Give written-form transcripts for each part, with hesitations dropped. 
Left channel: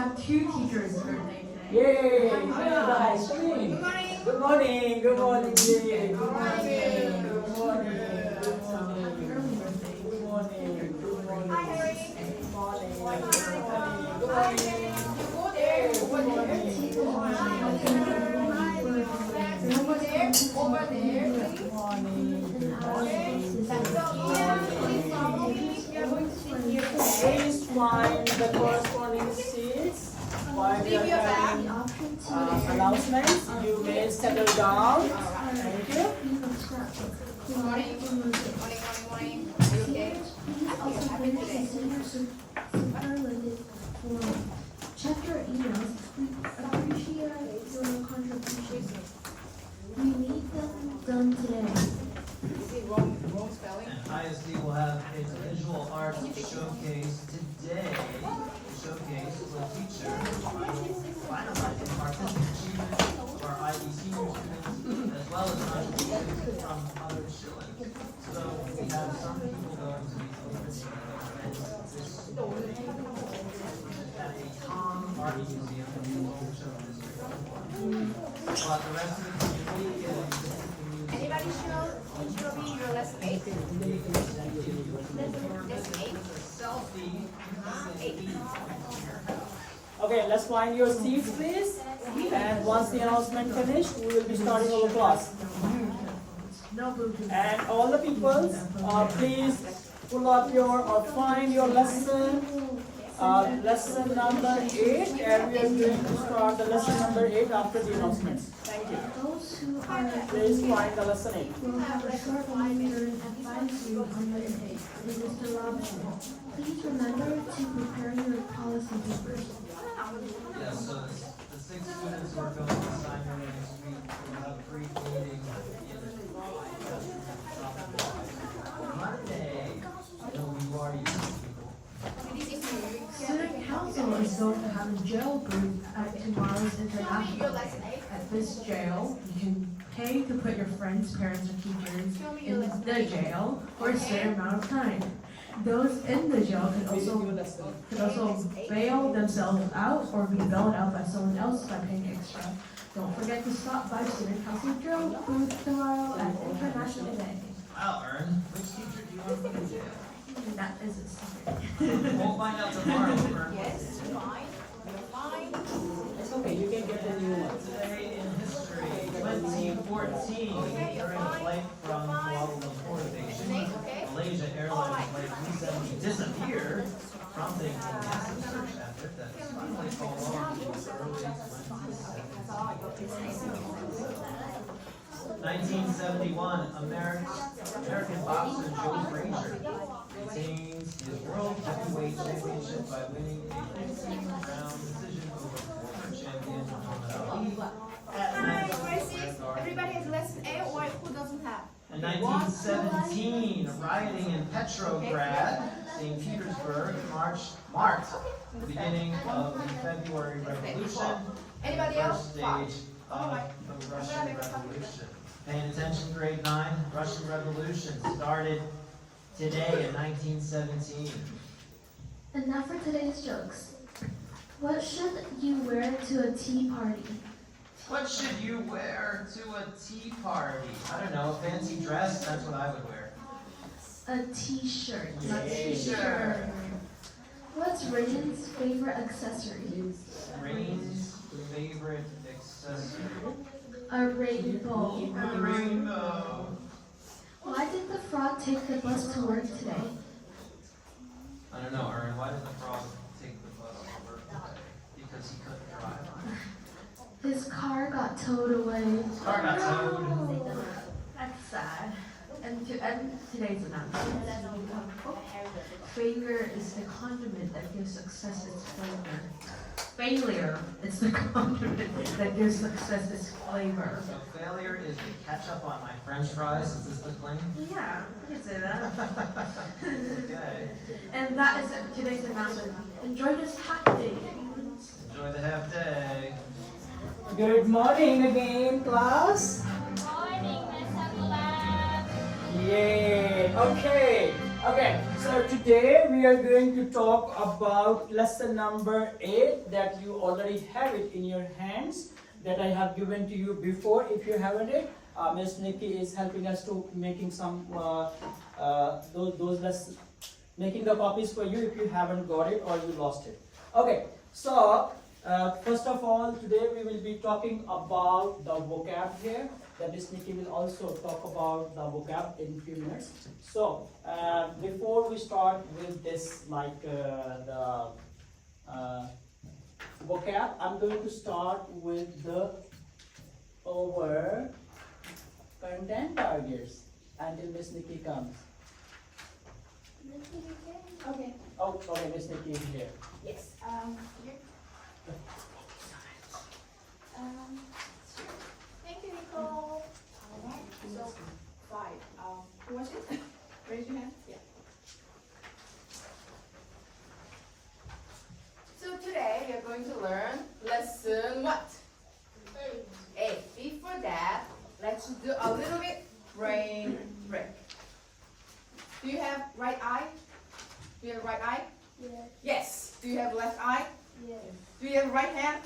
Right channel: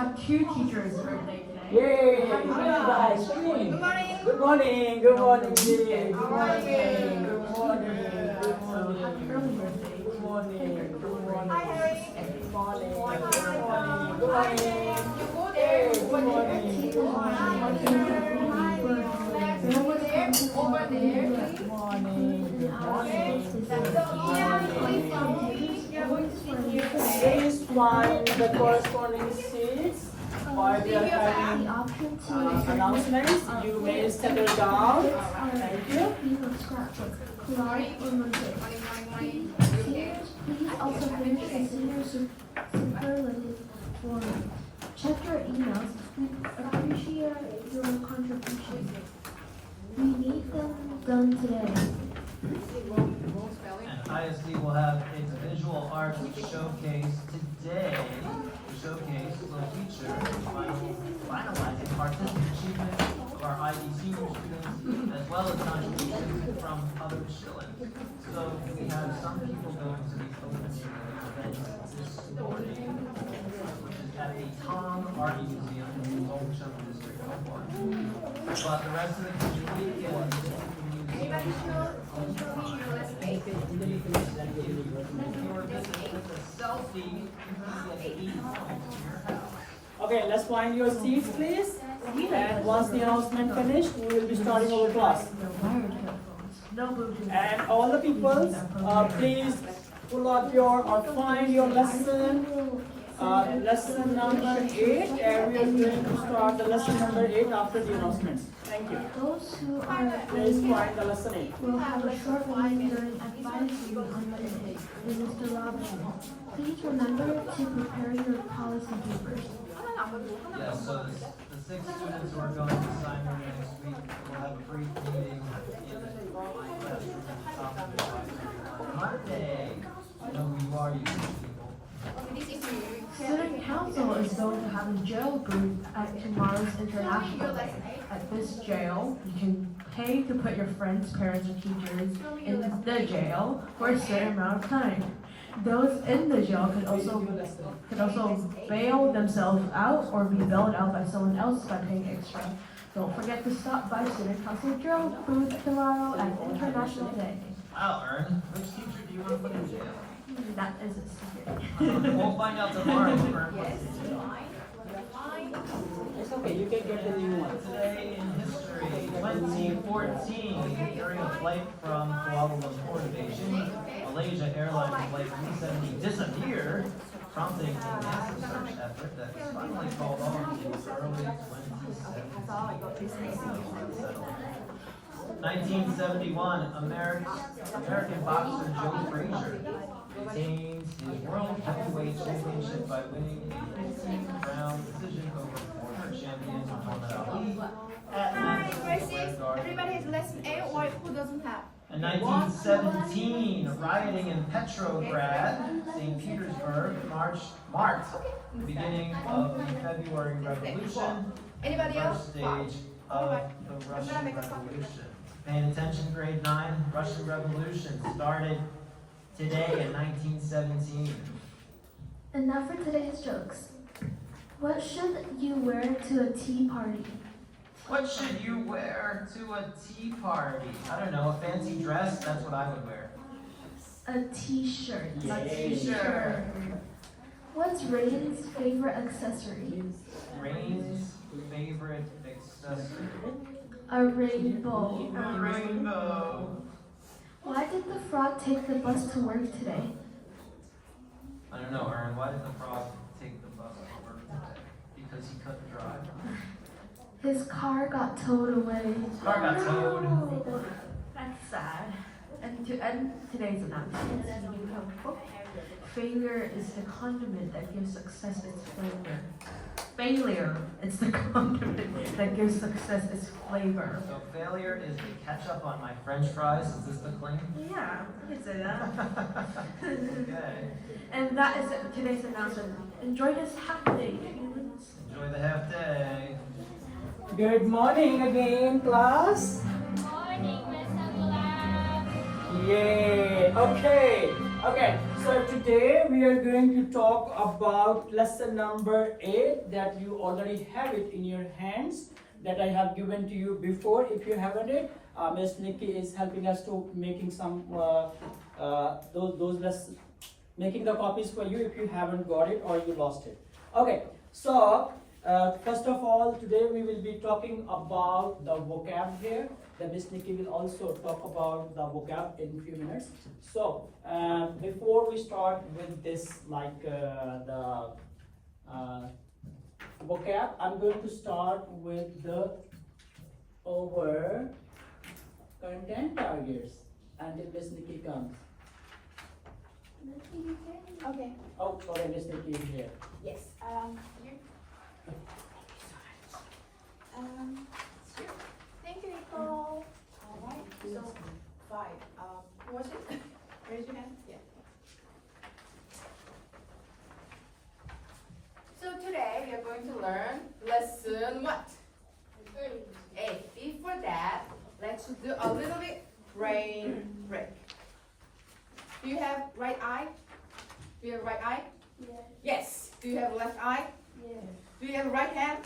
have two teachers' birthday today. Yay! Come on, guys, come in. Good morning. Good morning. Good morning. Good morning. Good morning. Good morning. Good morning. Hi, Harry. Good morning. Good morning. Good morning. You go there. Good morning. Good morning. Over there. Over there. Good morning. Good morning. Please follow me. We are going to sit here. Please find the corresponding seats. While we are having announcements, you may settle down. Thank you. Check your emails and appreciate your contributions. We need them done today. And ISD will have its visual arts showcase today. The showcase will feature finalizing artistic achievement of our IE senior students, as well as contributions from other children. So we have some people going to these open events this morning at the Tom Art Museum in the also this but the rest of the community Anybody show me your last eight? Okay, let's find your seats, please. And once the announcement finished, we will be starting our class. And all the people, please pull up your or find your lesson number 8, and we are going to start the lesson number 8 after the announcements. Thank you. Those who are Please find the lesson 8. will have a short line during advisory on Monday. It is the option. Please remember to prepare your policy papers. Yes, so the 6 students who are going to sign your name this week will have a brief meeting on Monday. I know we've already Student council is going to have a jail group at tomorrow's international at this jail. You can pay to put your friends, parents, or teachers in the jail for a certain amount of time. Those in the jail can also bail themselves out or be bailed out by someone else by paying extra. Don't forget to stop by Student Council Jail booth tomorrow at International Day. I'll earn. Which teacher do you want to put in jail? That is a secret. We'll find out tomorrow, Hooper. It's okay, you can get the new one. Today in history, 2014, during a flight from Kuala Lumpur to Beijing, Malaysia Airlines Flight 370 disappeared, prompting a massive search effort that was finally called off in early 1971, American boxer Joe Frazier retains his World Heavyweight Championship by winning a 15-round decision over former champion Muhammad Ali. Hi, grade 6. Everybody has lesson A, or who doesn't have? In 1917, rioting in Petrograd, St. Petersburg, marked the beginning of the February Revolution, Anybody the else? first stage of the Russian Revolution. Paying attention, grade 9, Russian Revolution started today in 1917. And now for today's jokes. What should you wear to a tea party? What should you wear to a tea party? I don't know, a fancy dress? That's what I would wear. A t-shirt. A t-shirt. What's Raiden's favorite accessory? Rain's favorite accessory. A rainbow. A rainbow. Why did the frog take the bus to work today? I don't know, Aaron, why did the frog take the bus to work today? Because he couldn't drive. His car got towed away. His car got towed. That's sad. And to end today's announcement, failure is the condiment that gives success its flavor. Failure is the condiment that gives success its flavor. So failure is the ketchup on my French fries. Is this the claim? Yeah, we can say that. Okay. And that is today's announcement. Enjoy this happy day. Enjoy the half day. Good morning again, class. Morning, Miss Abdullah. Yay. Okay. So today we are going to talk about lesson number 8 that you already have it in your hands that I have given to you before. If you haven't it, Miss Nikki is helping us to making some those lessons, making the copies for you if you haven't got it or you lost it. Okay, so first of all, today we will be talking about the vocab here. Then Miss Nikki will also talk about the vocab in a few minutes. So before we start with this, like the vocab, I'm going to start with the our content targets until Miss Nikki comes. Okay. Oh, sorry, Miss Nikki is here. Yes. Here. Thank you, Nicole. All right. So 5. Who was it? Raise your hand. Yeah. So today we are going to learn lesson what? 8. Before that, let's do a little bit brain break. Do you have right eye? Do you have right eye? Yes. Yes. Do you have left eye? Yes. Do you have right hand?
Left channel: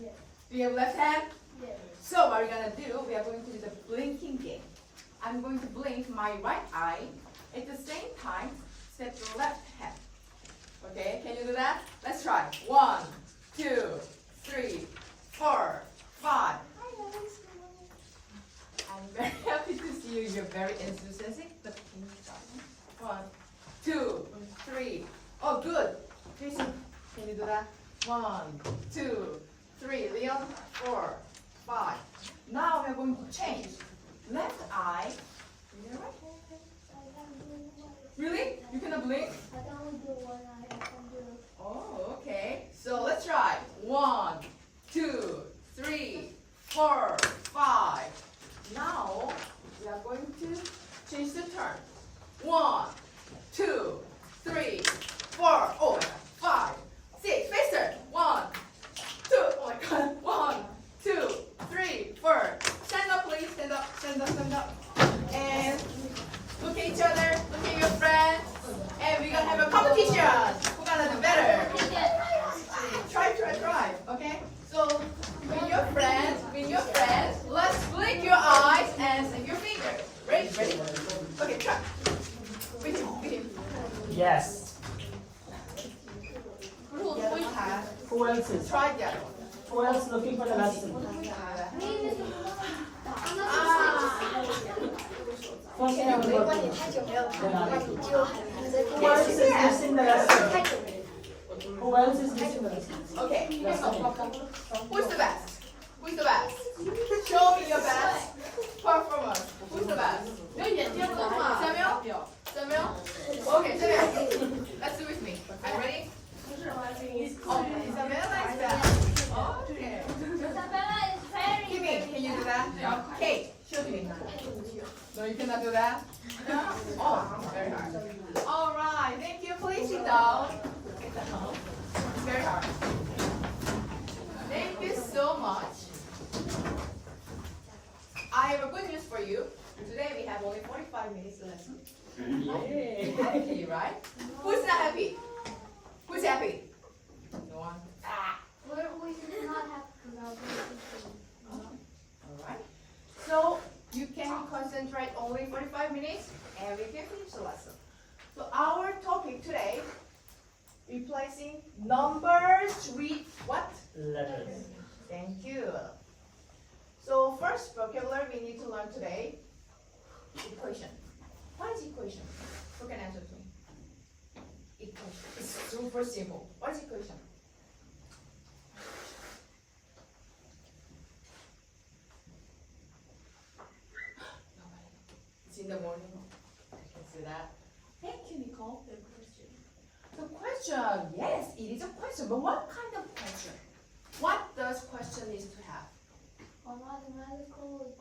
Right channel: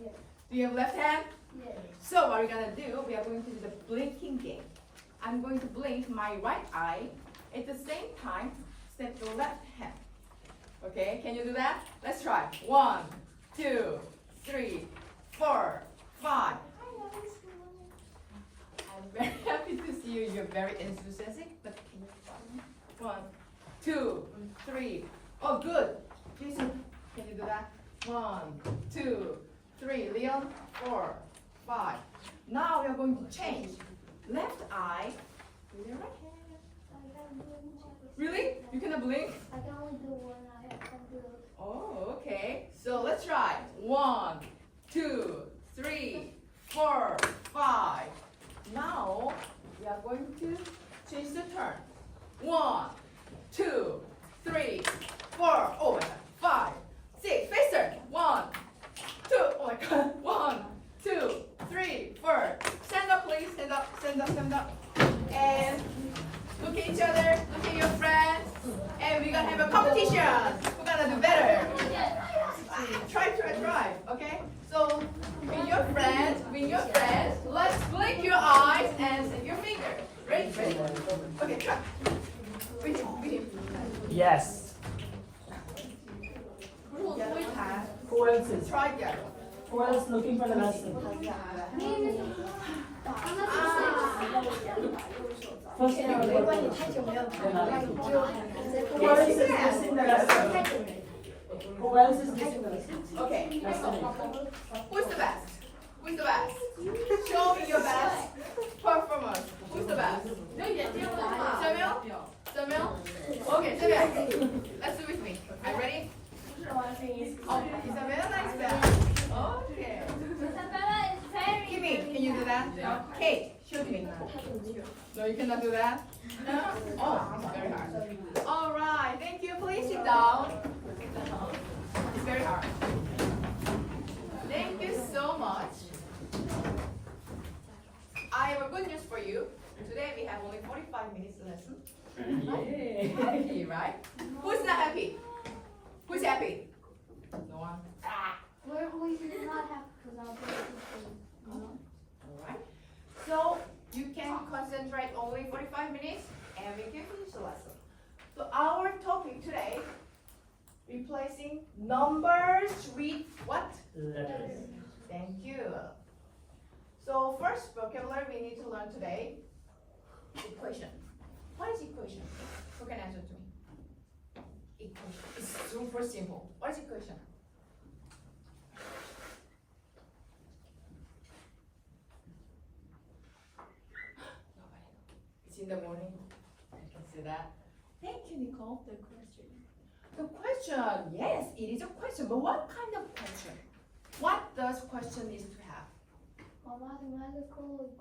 Yes. Do you have left hand? Yes. So what we're gonna do, we are going to do the blinking game. I'm going to blink my right eye. At the same time, step the left hand. Okay, can you do that? Let's try. 1, 2, 3, 4, 5. Hi guys. I'm very happy to see you. You're very enthusiastic. But can you stop me? 1, 2, 3. Oh, good. Jason, can you do that? 1, 2, 3. Leon, 4, 5. Now we are going to change. Left eye with your right hand. Really? You cannot blink? I can only do one eye. I can do Oh, okay. So let's try. 1, 2, 3, 4, 5. Now we are going to change the turn. 1, 2, 3, 4. Oh my God. 5, 6. Faster. 1, 2. Oh my God. 1, 2, 3, 4. Stand up, please. Stand up. Stand up. Stand up. And look at each other. Look at your friends. And we're gonna have a competition. Who's gonna do better? Try. Okay? So with your friends, let's blink your eyes and snap your fingers. Ready? Okay, try. With him. Yes. Yeah. Who else is? Try that. Who else looking for the lesson? First you will go to- then I'll take it. Who else is missing the lesson? Who else is missing the lesson? Okay. Who's the best? Who's the best? Show me your best performance. Who's the best? Samuel? Samuel? Okay, Samuel. Let's do it with me. Are you ready? Oh, Isabella is best. Okay. Kimmy, can you do that? Kate, show me. No, you cannot do that? No? Oh, very hard. All right, thank you. Please sit down. It's very hard. Thank you so much. I have a good news for you. Today we have only 45 minutes lesson. Yay. Happy, right? Who's not happy? Who's happy? No one. We do not have collaboration. Alright. So you can concentrate only 45 minutes and we can finish the lesson. So our topic today, replacing numbers with what? Letters. Thank you. So first vocabulary we need to learn today, equation. What is equation? Who can answer to me? Equation. It's super simple. What is equation? It's in the morning. I can see that. Thank you, Nicole. The question. The question. Yes, it is a question. But what kind of question? What does question need to have? A mathematical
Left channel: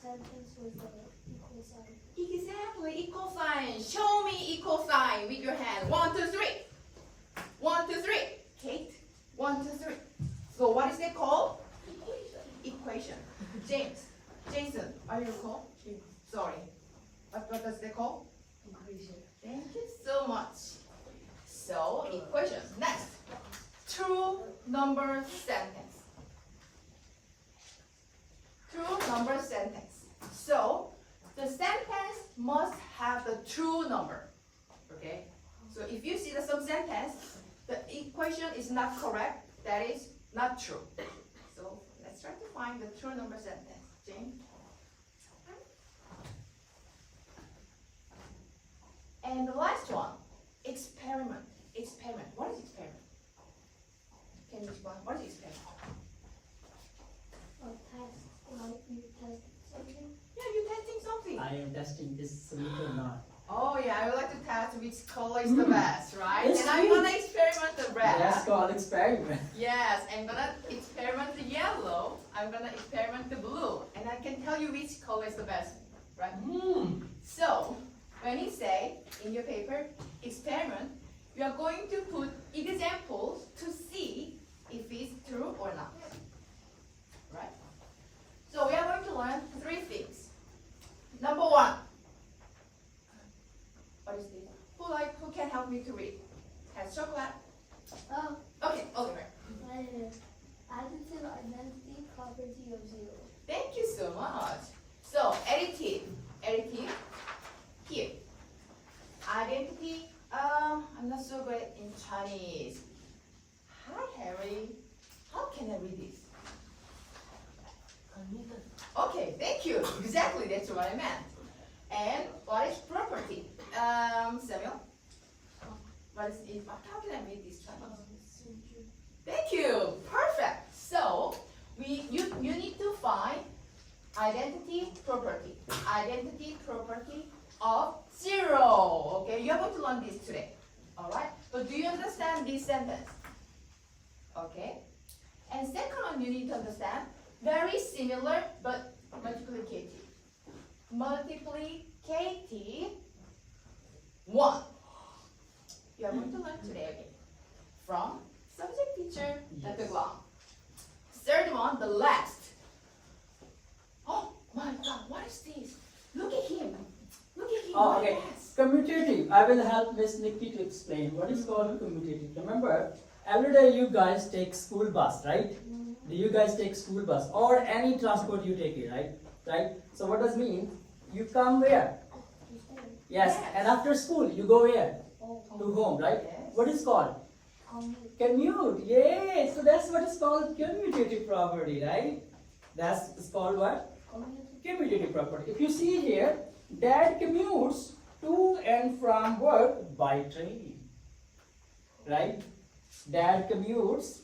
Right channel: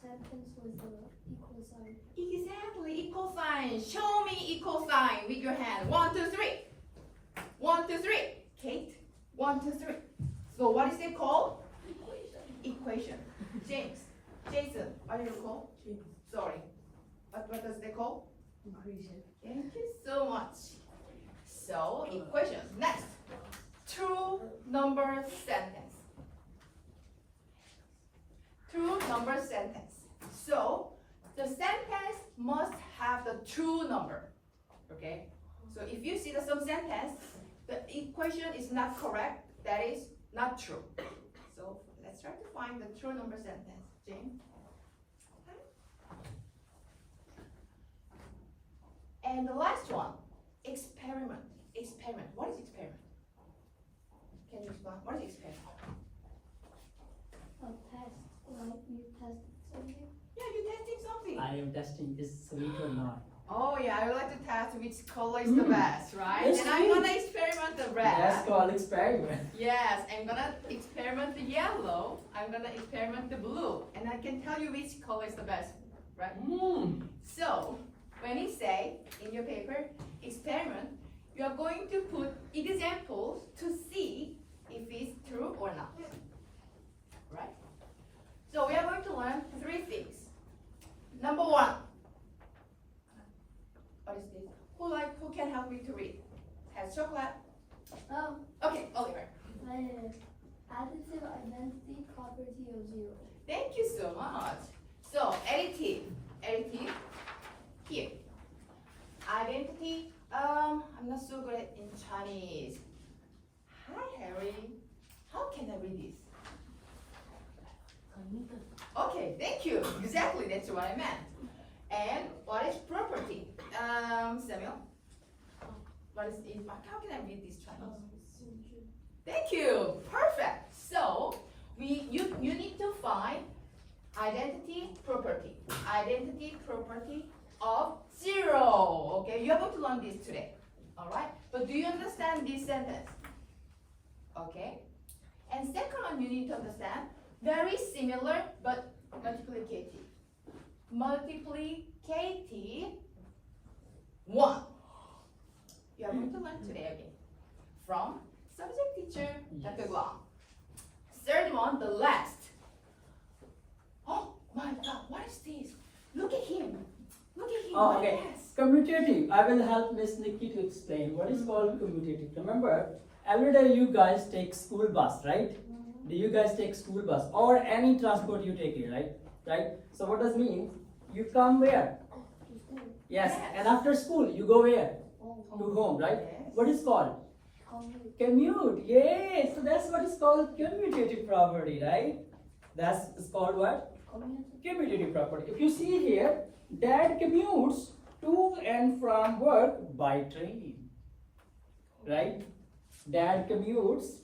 sentence with an equal sign. Exactly, equal sign. Show me equal sign with your hand. 1, 2, 3. 1, 2, 3. Kate. 1, 2, 3. So what is it called? Equation. James. Jason. Are you called? Sorry. What does it call? Equation. number sentence. True number sentence. So the sentence must have the true number. Okay? So if you see some sentence, the equation is not correct, that is not true. So let's try to find the true number sentence. Jane? And the last one, experiment. Experiment. What is experiment? Can you explain? What is experiment? A test, like you test something. Yeah, you're testing something. I am testing this sweet or not. Oh yeah, I would like to test which color is the best, right? It's And I'm sweet. gonna experiment the red. That's called experiment. Yes, I'm gonna experiment the yellow. I'm gonna experiment the blue. And I can tell you which color is the best, right? So, when you say in your paper, experiment, you are going to put examples to see if it's true or not. Right? So we are going to learn 3 things. Number 1. What is this? Who can help me to read? Has chocolate? Oh, Okay, Oliver. my name is additive identity property of 0. Thank you so much. So, additive, here. Identity, I'm not so good in Chinese. Hi, Harry. How can I read this? Okay, thank you. Exactly, that's what I meant. And what is property? Samuel? What is it? How can I read this Chinese? Thank you. Perfect. So, you need to find identity property. Identity property of 0. Okay, you are going to learn this today. Alright? But do you understand this sentence? Okay. And second one you need to understand, very similar but multiplicative. Multiplicative 1. You are going to learn today again. From subject teacher at the Guam. Third one, the last. Oh my God, what is this? Look at him. Look at him. Oh, okay. Yes. Commutative. I will help Miss Nikki to explain what is called commutative. Remember, every day you guys take school bus, right? Do you guys take school bus or any transport you take it, right? Right? So what does mean? You come where? Yes. And after school, you go where? To home, right? Yes. What is called? Commute. Yay! So that's what is called commutative property, right? That's called what? Commutative property. If you see here, Dad commutes to and from work by train, right? Dad commutes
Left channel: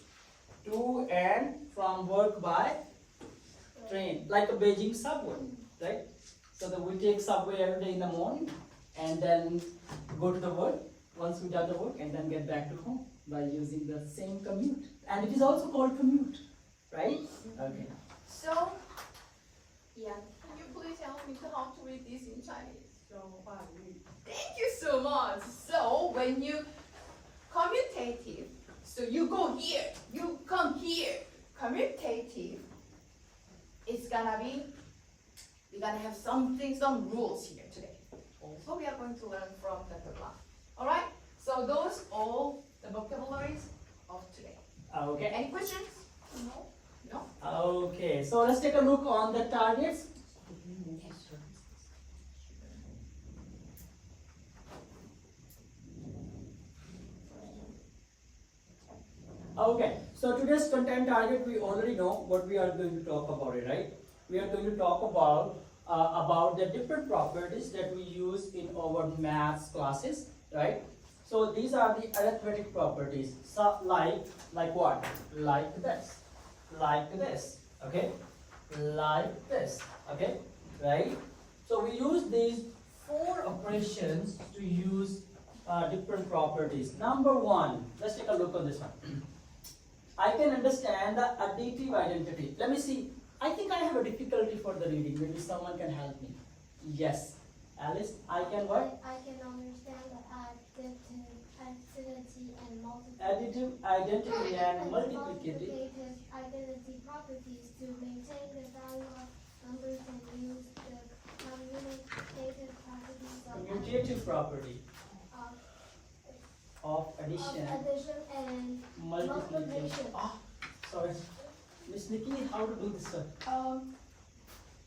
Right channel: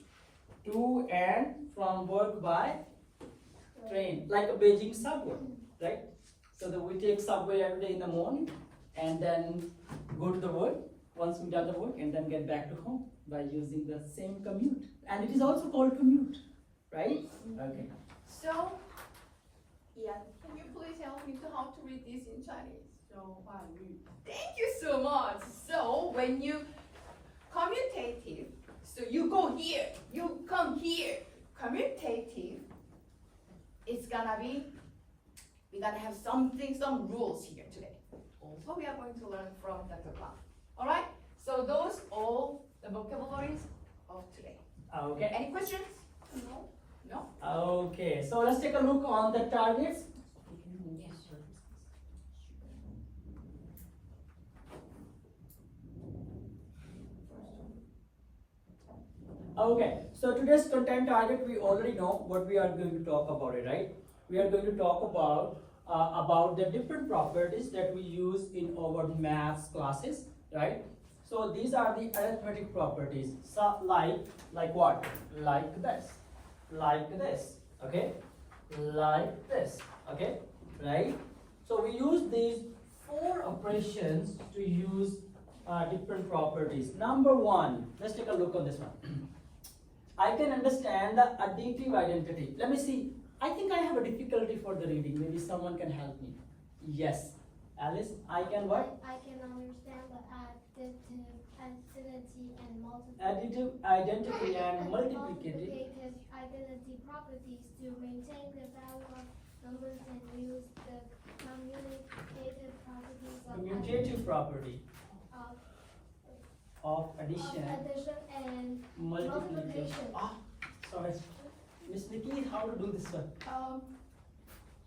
to and from work by train, like a Beijing subway, right? So that we take subway every day in the morning and then go to the work once we done the work and then get back to home by using the same commute. And it is also called commute, right? Okay. So, yeah, can you please help me to how to read this in Chinese? Thank you so much. So, when you commutative, so you go here, you come here. Commutative, it's gonna be, we're gonna have some rules here today. Also, we are going to learn from Dr. Clark. All right? So those all the vocabularies of today. Okay. Any questions? No? Okay. So let's take a look on the targets. Okay, so today's content target, we already know what we are going to talk about it, right? We are going to talk about the different properties that we use in our maths classes, right? So these are the arithmetic properties. So like what? Like this, okay? Like this, okay? Right? So we use these 4 operations to use different properties. Number 1, let's take a look on this one. I can understand the additive identity. Let me see. I think I have a difficulty for the reading. Maybe someone can help me. Yes. Alice, I can what? I can understand the additive identity and multiplicative. Additive identity and multiplicative. Identity properties to maintain the value of numbers and use the commutative properties of Commutative property. of addition, and multiplication. Ah, sorry. Miss Nikki, how to do this one?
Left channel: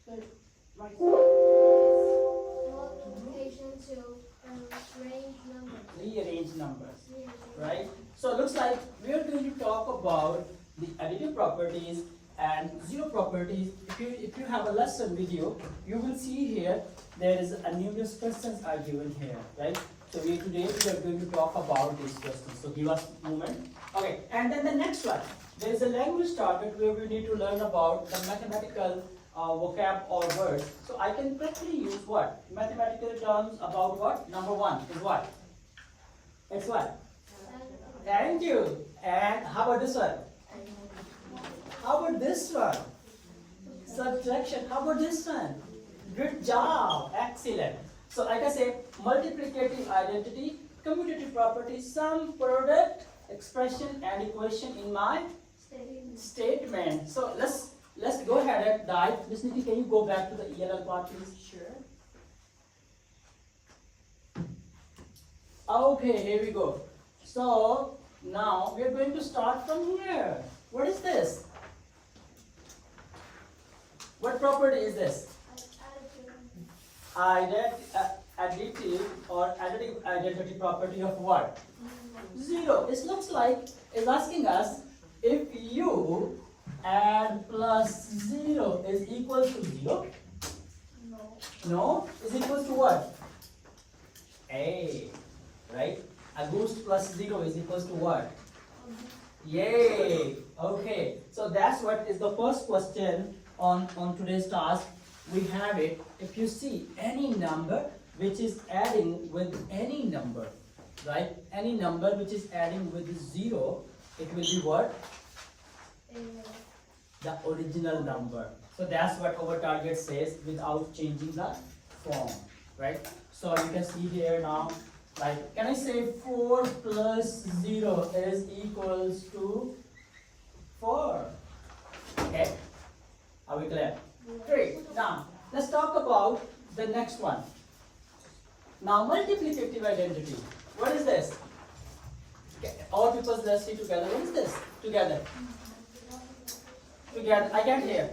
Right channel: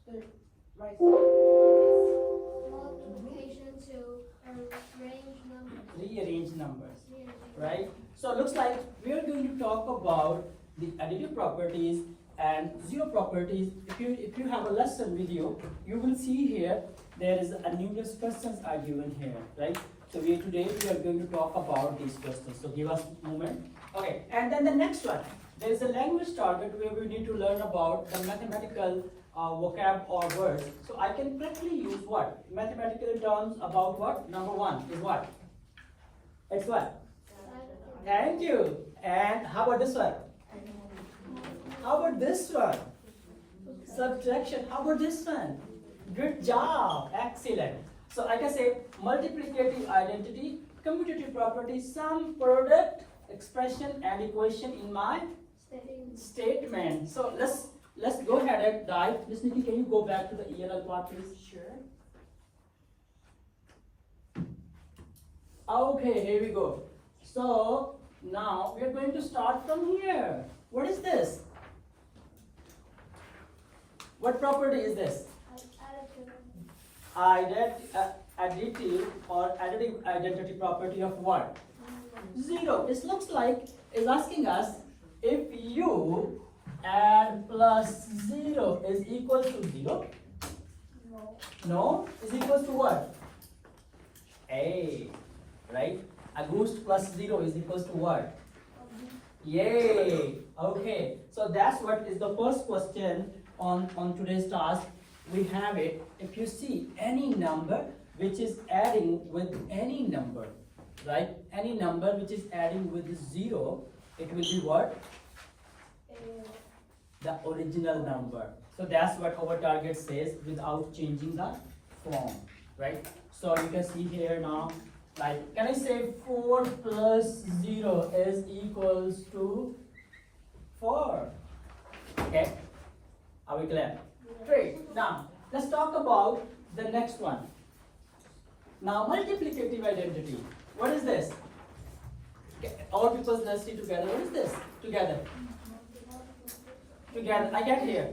Right. multiplication to arrange numbers. Rearrange numbers, right? So it looks like we are going to talk about the additive properties and zero properties. If you have a lesson video, you will see here there is a numerous questions are given here, right? So today we are going to talk about these questions. So give us a moment. Okay, and then the next one. There is a language target where we need to learn about the mathematical vocab or words. So I can quickly use what? Mathematical terms about what? Number one is what? It's what? Thank you. And how about this one? How about this one? Subtraction. How about this one? Good job. Excellent. So I can say multiplicative identity, commutative property, sum, product, expression, and equation in my statement. So let's go ahead and dive. Miss Nikki, can you go back to the ELL part, please? Sure. Okay, here we go. So now we are going to start from here. What is this? What property is this? Additive or additive identity property of what? Zero. It looks like it's asking us if you add plus 0 is equal to 0. No? Is equal to what? A. Right? A goose plus 0 is equal to what? Yay! Okay. So that's what is the first question on today's task. We have it. If you see any number which is adding with any number, right? Any number which is adding with 0, it will be what? The original number. So that's what our target says without changing the form, right? So you can see here now, like, can I say 4 plus 0 is equals to 4? Okay, are we clear? Great. Now let's talk about the next one. Now multiplicative identity. What is this? Okay, all people, let's see together. What is this? Together. Together. I get here.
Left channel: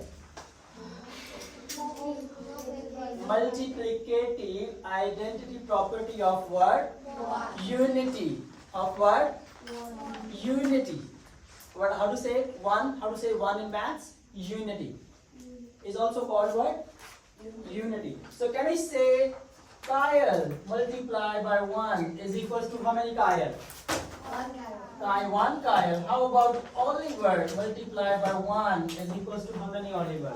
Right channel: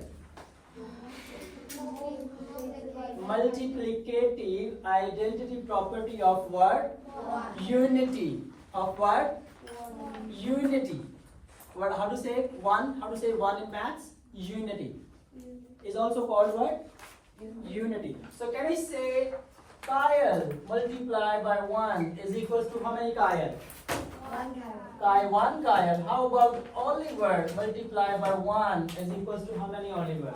Multiplicative identity property of what? Unity. Of what? Unity. What? How to say one? How to say one in maths? Unity. Is also called what? Unity. So can I say Kyle multiplied by 1 is equals to how many Kyle? 1 Kyle. How about Oliver multiplied by 1 is equals to how many Oliver?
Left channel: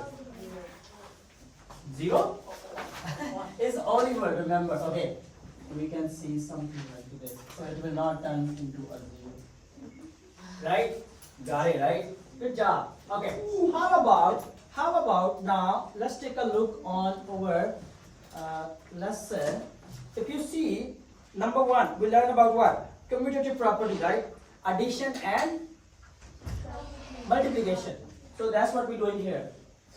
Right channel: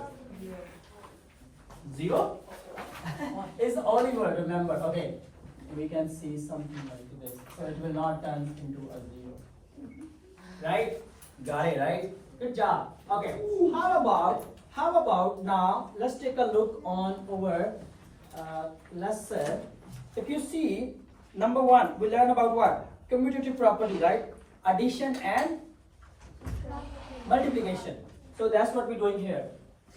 0? Is Oliver, remember. Okay. We can see something like this. So it will not turn into a 0. Right? Got it, right? Good job. Okay. How about now, let's take a look on our lesson. If you see, number 1, we learn about what? Commutative property, right? Addition and multiplication. So that's what we're doing here.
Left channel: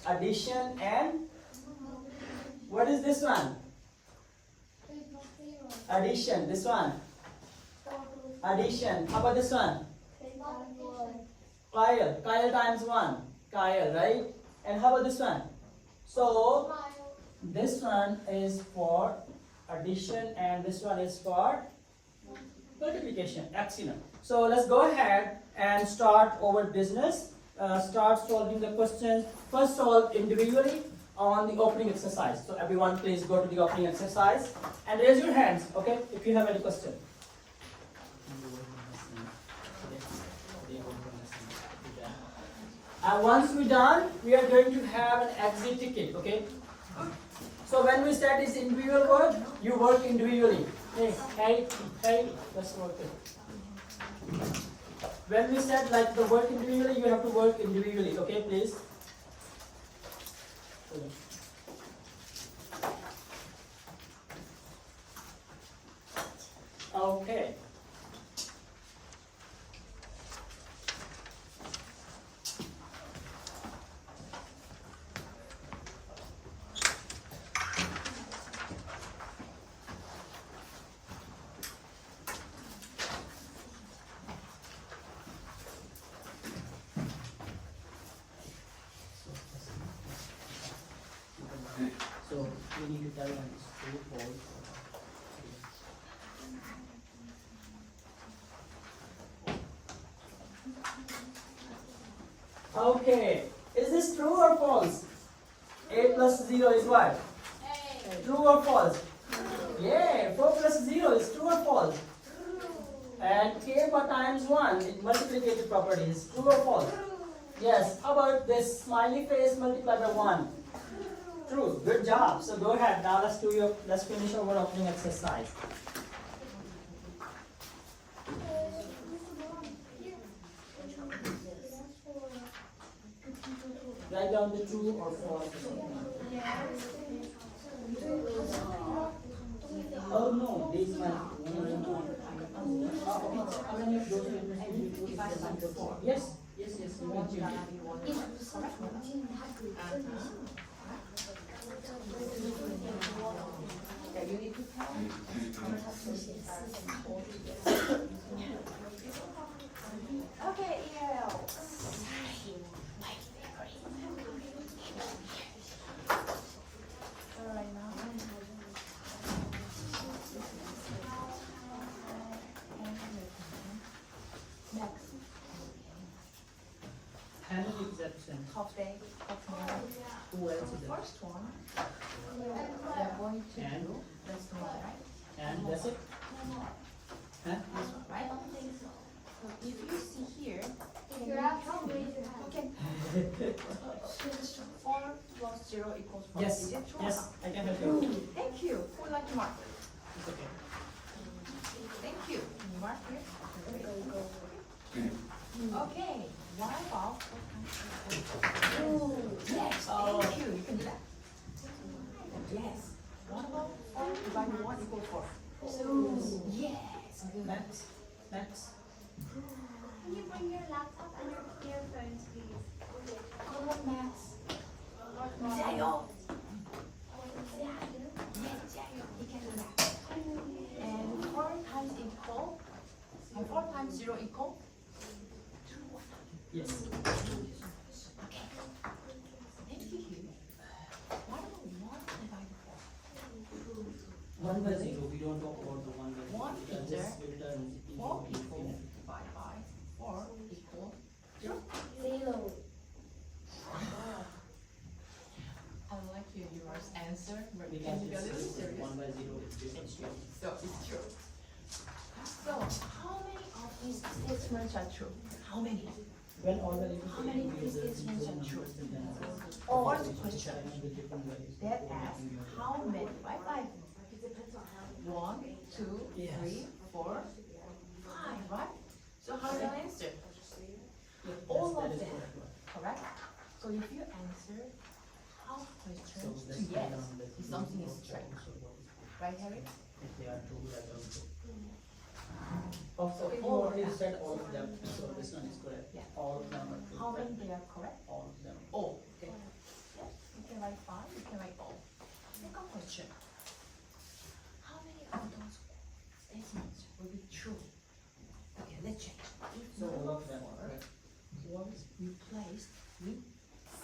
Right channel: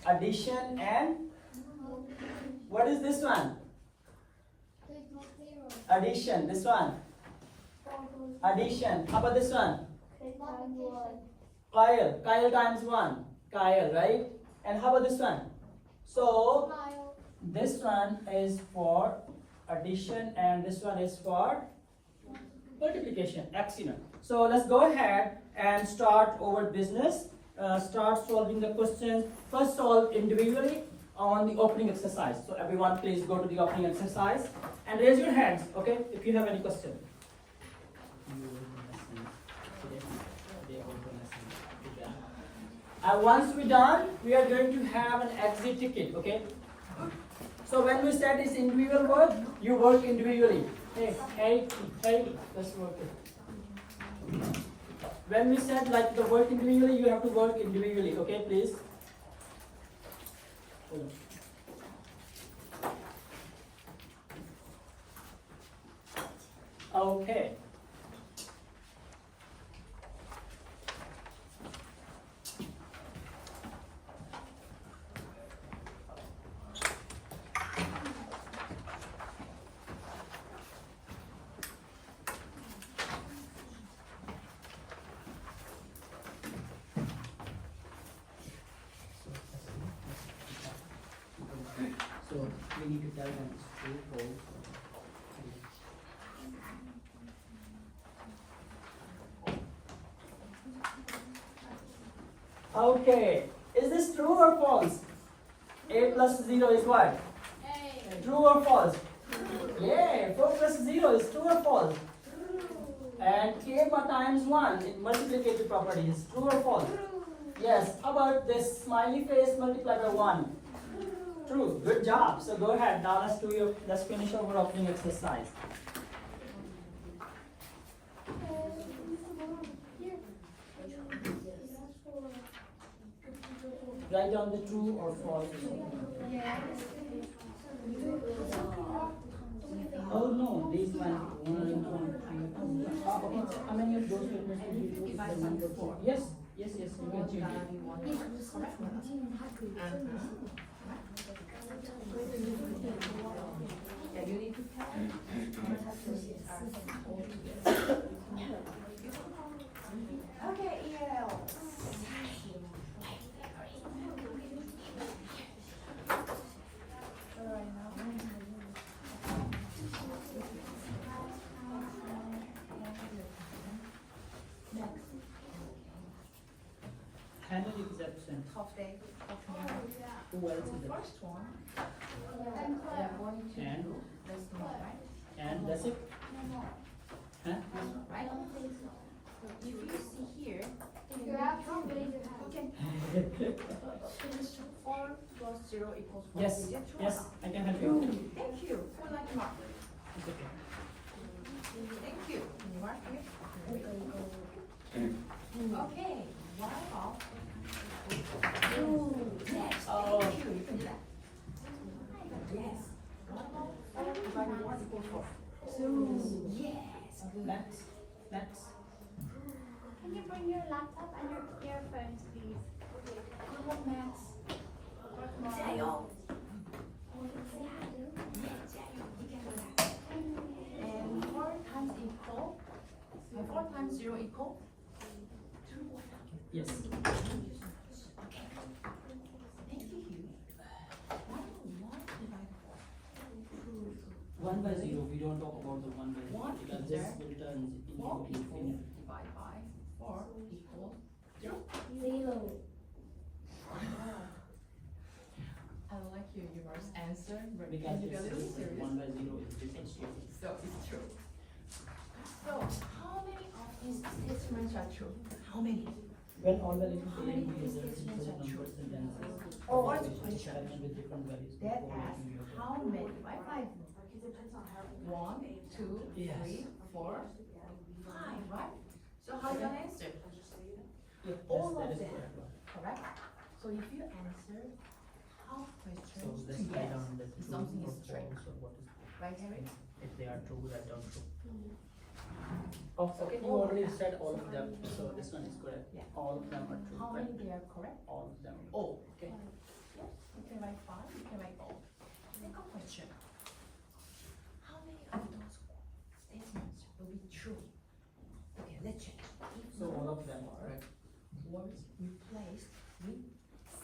Addition and what is this one? Addition. This one. Addition. How about this one? Kyle times 1. Kyle, right? And how about this one? So this one is for addition and this one is for multiplication. Excellent. So let's go ahead and start our business. Start solving the questions. First solve individually on the opening exercise. So everyone please go to the opening exercise and raise your hands, okay, if you have any question. And once we're done, we are going to have an exit ticket, okay? So when we said it's individual work, you work individually. Hey, let's work it. When we said like the work individually, you have to work individually, okay, please? Okay. we need to tell them it's true, false. Okay, is this true or false? 8 plus 0 is what? True or false? Yeah, 4 plus 0 is true or false? And k times 1, it multiplicative property is true or false? Yes, how about this smiley face multiplied by 1? True, good job. So go ahead, now let's finish our opening exercise. Write down the true or false. Oh no, these one, 1, 2, 3. How many of those statements did you put the number 4? Yes, you can change it. Yeah, you need to tell. Okay, EL. Handle exception. Half day, half morning. Who else is there? First one, they're going to And? do this one, And that's it? Huh? right? So if you see here, If you're absent, raise your hand. you can 4 plus 0 equals 4. Yes, Is it true? yes, I can help you. Thank you. Who would like to mark? It's okay. Thank you. Can you mark here? Okay. What about? Yes. Thank you. You can do that. Yes. What about 4 divided by 1 equals 4? 2. Yes. Next, next. Can you bring your laptop and your earphones, please? What about maths? Zayo. Yes, Zayo. You can do that. And 4 times equal. 4 times 0 equal. Yes. Okay. Thank you. What about 1 divided by 1 by 0, we don't talk about the 1 by 0. One It is just there. returns 4 into equal infinity. divided by 4 equal 0. Zero. I like your answer, but Because can you get it it's serious? 1 by 0 is different story. So it's true. So how many of these statements are true? How many? When all the little How many is statements are true? numbers and then Or it's the question with different values. that asks how many? Right? 1, 2, Yes. 3, 4, 5, right? So how do you answer? Yes, All that of is them. correct. Correct? So if you answer half So questions let's to write yes, down the true something or is straight. false or what is Right, Harry? if they are true, write down true. Oh, so you All of already them. said all of them, so this one is correct. Yeah. All of them are true. How right? many they are correct? All of them. All. Okay. Yes, you can write 5, you can write all. Second question. How many of those statements will be true? Okay, let's check. If So all of number them, 4 right? was replaced with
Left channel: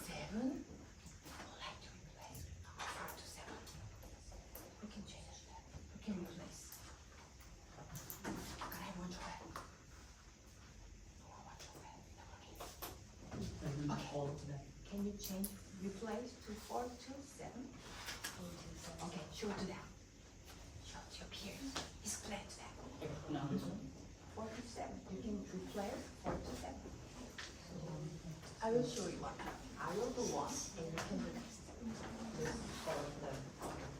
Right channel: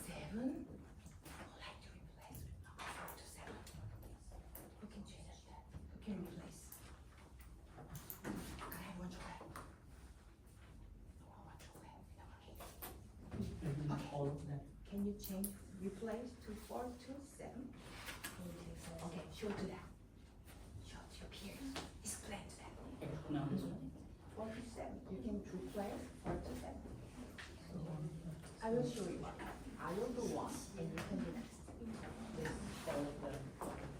7, I would like to replace with number 4 to 7. We can change that. We can replace. Can I have one chocolate? No, I want chocolate. I think all of them. Can you change replace to 4 to 7? Okay, show to that. Show to your peers. Explain to them. Okay, now this one. 4 to 7. You can replace 4 to 7. I will show you one. I will do one and you can do next. All of them.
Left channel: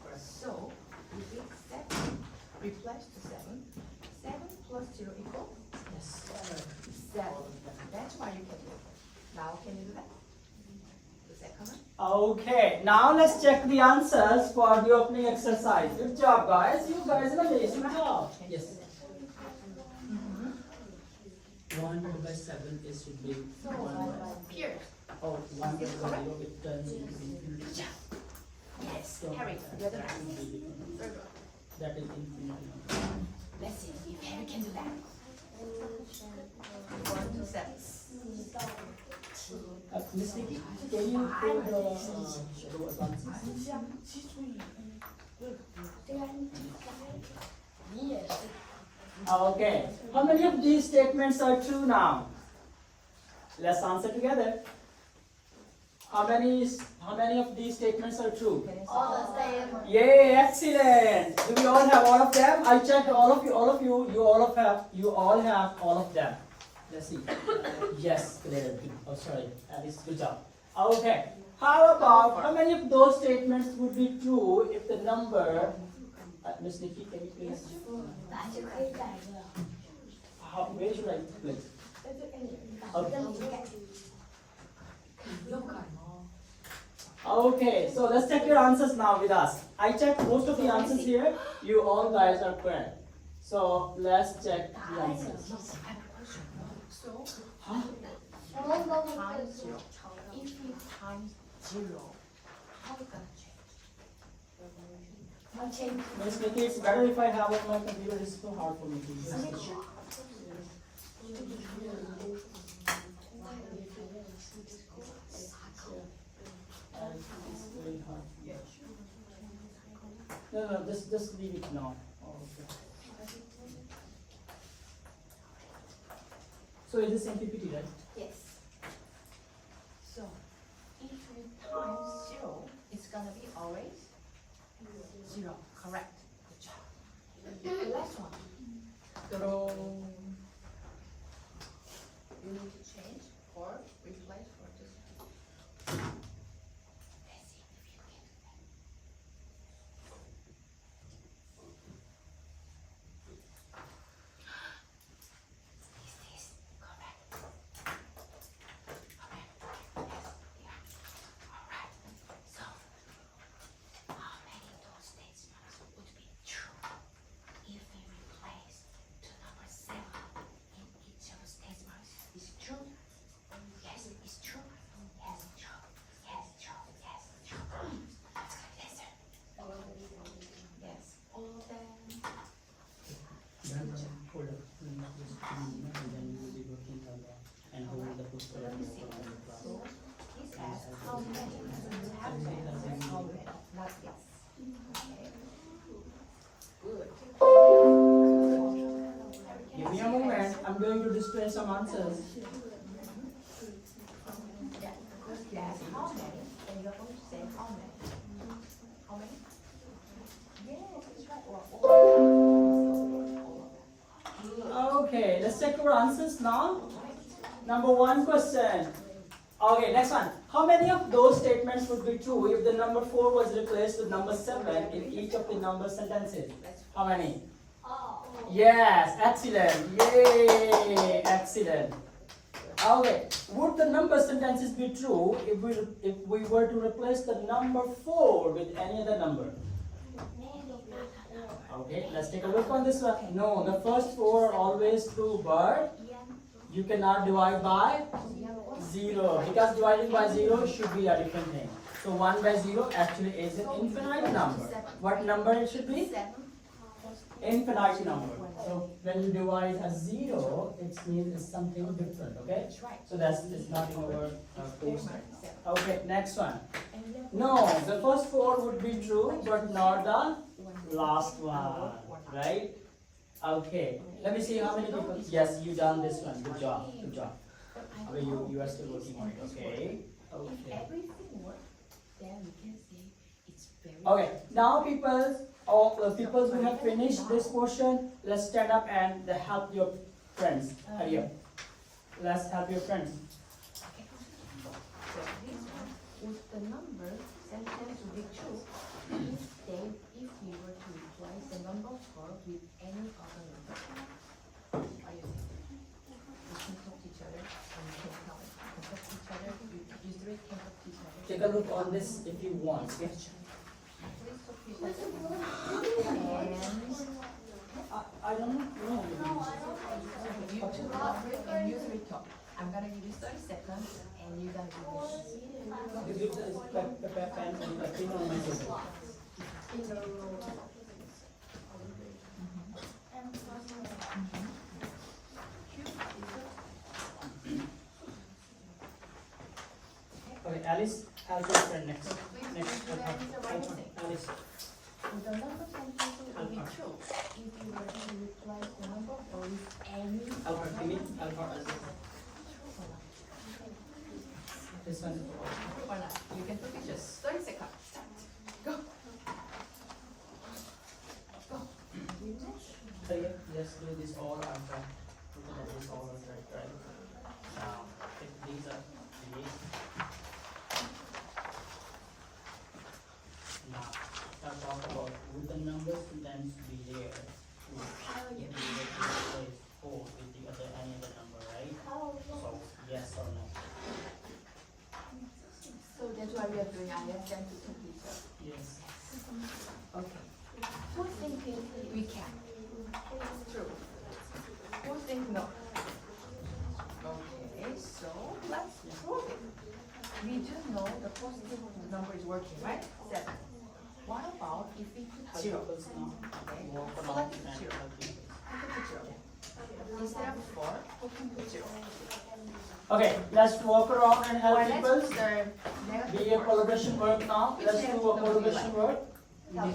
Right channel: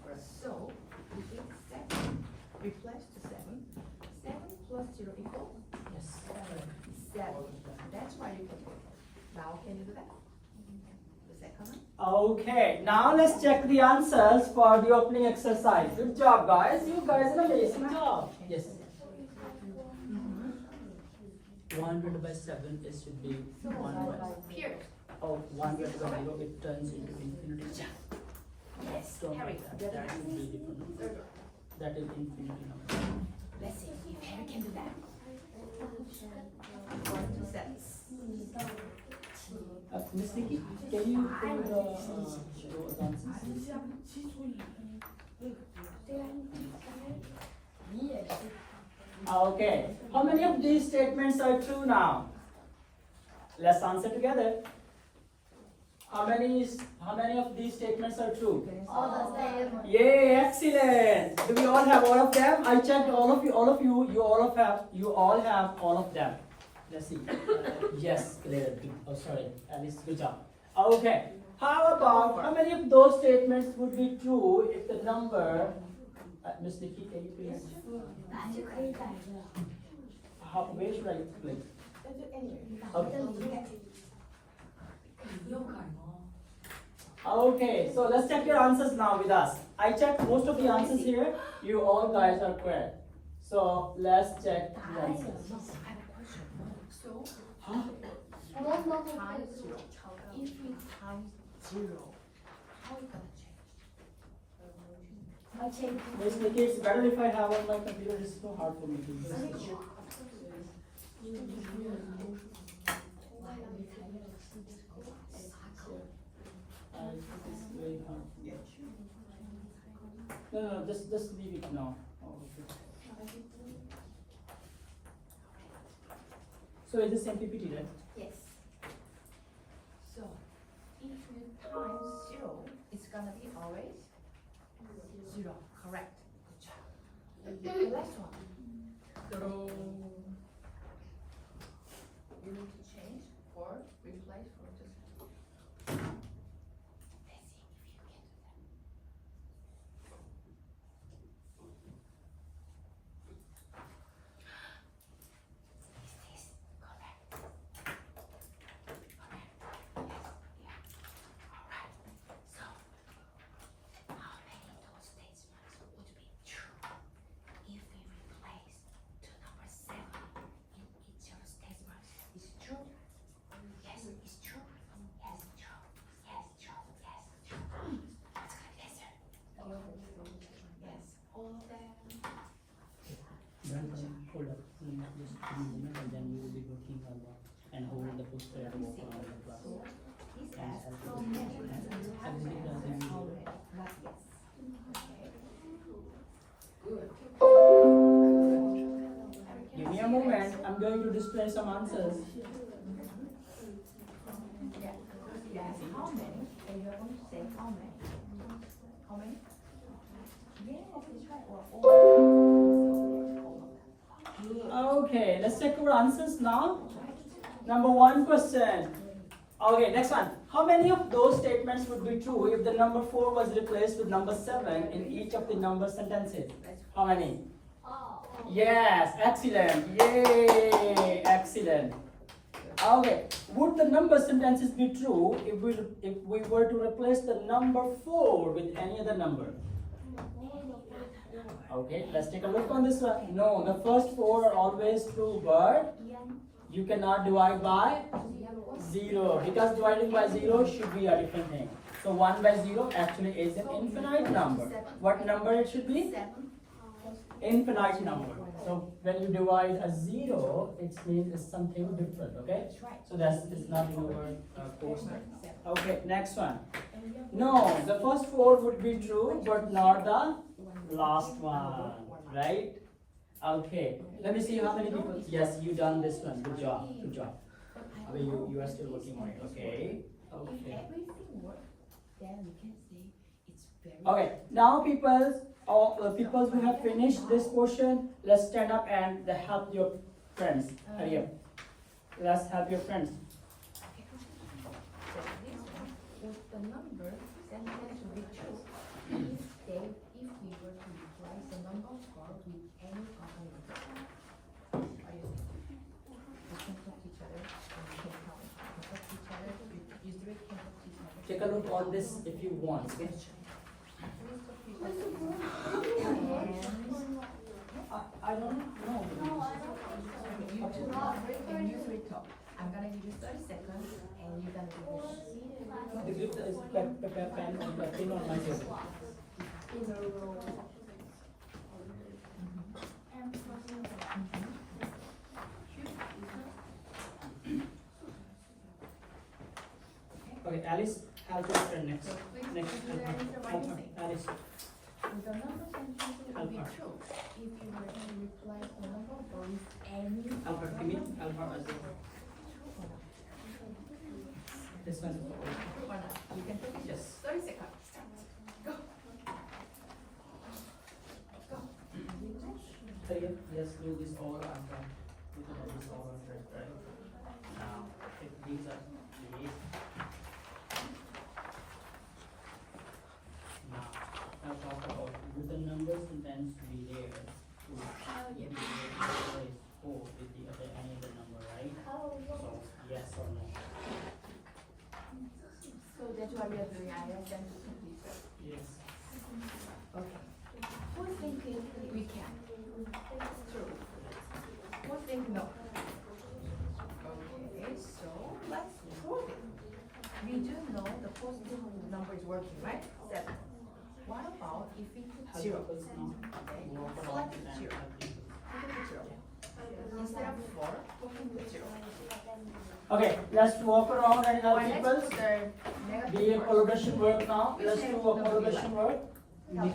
Correct. So, if it's 7, replace to 7. 7 plus 0 equals Yes. 7. That's why you can do it. Now, can you do that? The second one? Okay, now let's check the answers for the opening exercise. Good job, guys. You guys are amazing job. Yes. 100 by 7 is should be 1 by. Peers. Oh, 1 by 0, it turns into infinity. Yes, So Harry, that you're the that best. will be different. Third one. That is infinity number. Let's see if Harry can do that. 1 to 7. Miss Nikki, can you pull the answers? Okay. How many of these statements are true now? Let's answer together. How many of these statements are true? All of them. Yay, excellent. Do we all have all of them? I checked all of you, you all have all of them. Let's see. Yes, clear. Oh, sorry. At least good job. Okay. How many of those statements would be true if the number, Miss Nikki, can you please? Where should I place? Okay, so let's check your answers now with us. I checked most of the answers here. You all guys are correct. So let's check the answers. Huh? If you times 0, how it gonna change? Miss Nikki, it's better if I have on my computer. It's too hard for me to use. It's very hard. No, just leave it now. Oh, okay. So is this same PPT, right? Yes. So, if you times 0, it's gonna be always 0. Correct. Good job. The last one. You need to change or replace or just. Let's see if you can do that. Is this correct? Okay. Yes. Yeah. Alright. So, how many of those statements would be true if we replace the number 7 in each of the statements? Is it true? Yes, it's true. Yes, true. Yes, true. Yes, true. That's good. Yes, sir. Yes, all of them. Hold up. Just give me a minute and then you will be working on the and hold the poster and walk around the class. These ask how many have not yes. Good. Give me a moment. I'm going to display some answers. You ask how many, and you're going to say how many. How many? Yes, that's right. Okay, let's check our answers now. Number 1 question. Okay, next one. How many of those statements would be true if the number 4 was replaced with number 7 in each of the number sentences? How many? Yes, excellent. Yay, excellent. Okay, would the number sentences be true if we were to replace the number 4 with any other number? Okay, let's take a look on this one. No, the first 4 are always true, but you cannot divide by 0 because dividing by 0 should be a different thing. So 1 by 0 actually is an infinite number. What number it should be? Infinite number. So when you divide a 0, it means it's something different, okay? So that's not in our poster. Okay, next one. No, the first 4 would be true, but not the last one, right? Okay, let me see how many people. Yes, you done this one. Good job. Good job. Okay, you are still working on it. Okay. Okay. Everything works, then we can say it's very. Okay. Now, people who have finished this portion, let's stand up and help your friends. Hurry up. Let's help your friends. Okay. So this one, if the number sentence will be true, if we were to replace the number 4 with any other number. Are you we can talk to each other and we can talk to each other. You three can talk to each other. Take a look on this if you want. Okay? I don't know. You two talk and you three talk. I'm gonna give you 30 seconds and you're gonna give me. The group is pen and the thing on my table. In a row. Okay, Alice, help your friend next. Please Next, do help the her. answer by Help her. mistake. Alice, The number sentence will help be her. true if you were to replace the number with any Help her. Give it. Help her. This one. Or not? You can take it. Yes. 30 seconds. Go. Hurry up. Let's do this all on track. Look at this all on track, right? Now, if these are these. Now, I'll talk about would the numbers sometimes be there. Would be replace 4 with the other any other number, right? So, yes or no? So that's why we are doing ISM to computer. Yes. Okay. Who thinks we can? True. Who thinks no? Okay, so let's prove it. We just know the positive number is working, right? 7. What about if we put 0? Okay, so let's put 0. We can put 0. Instead of 4, we can put 0. Okay, let's walk around and help Or let's people. put the Be a negative word. collaboration work now. Which Let's do negative a number do you collaboration work. Help.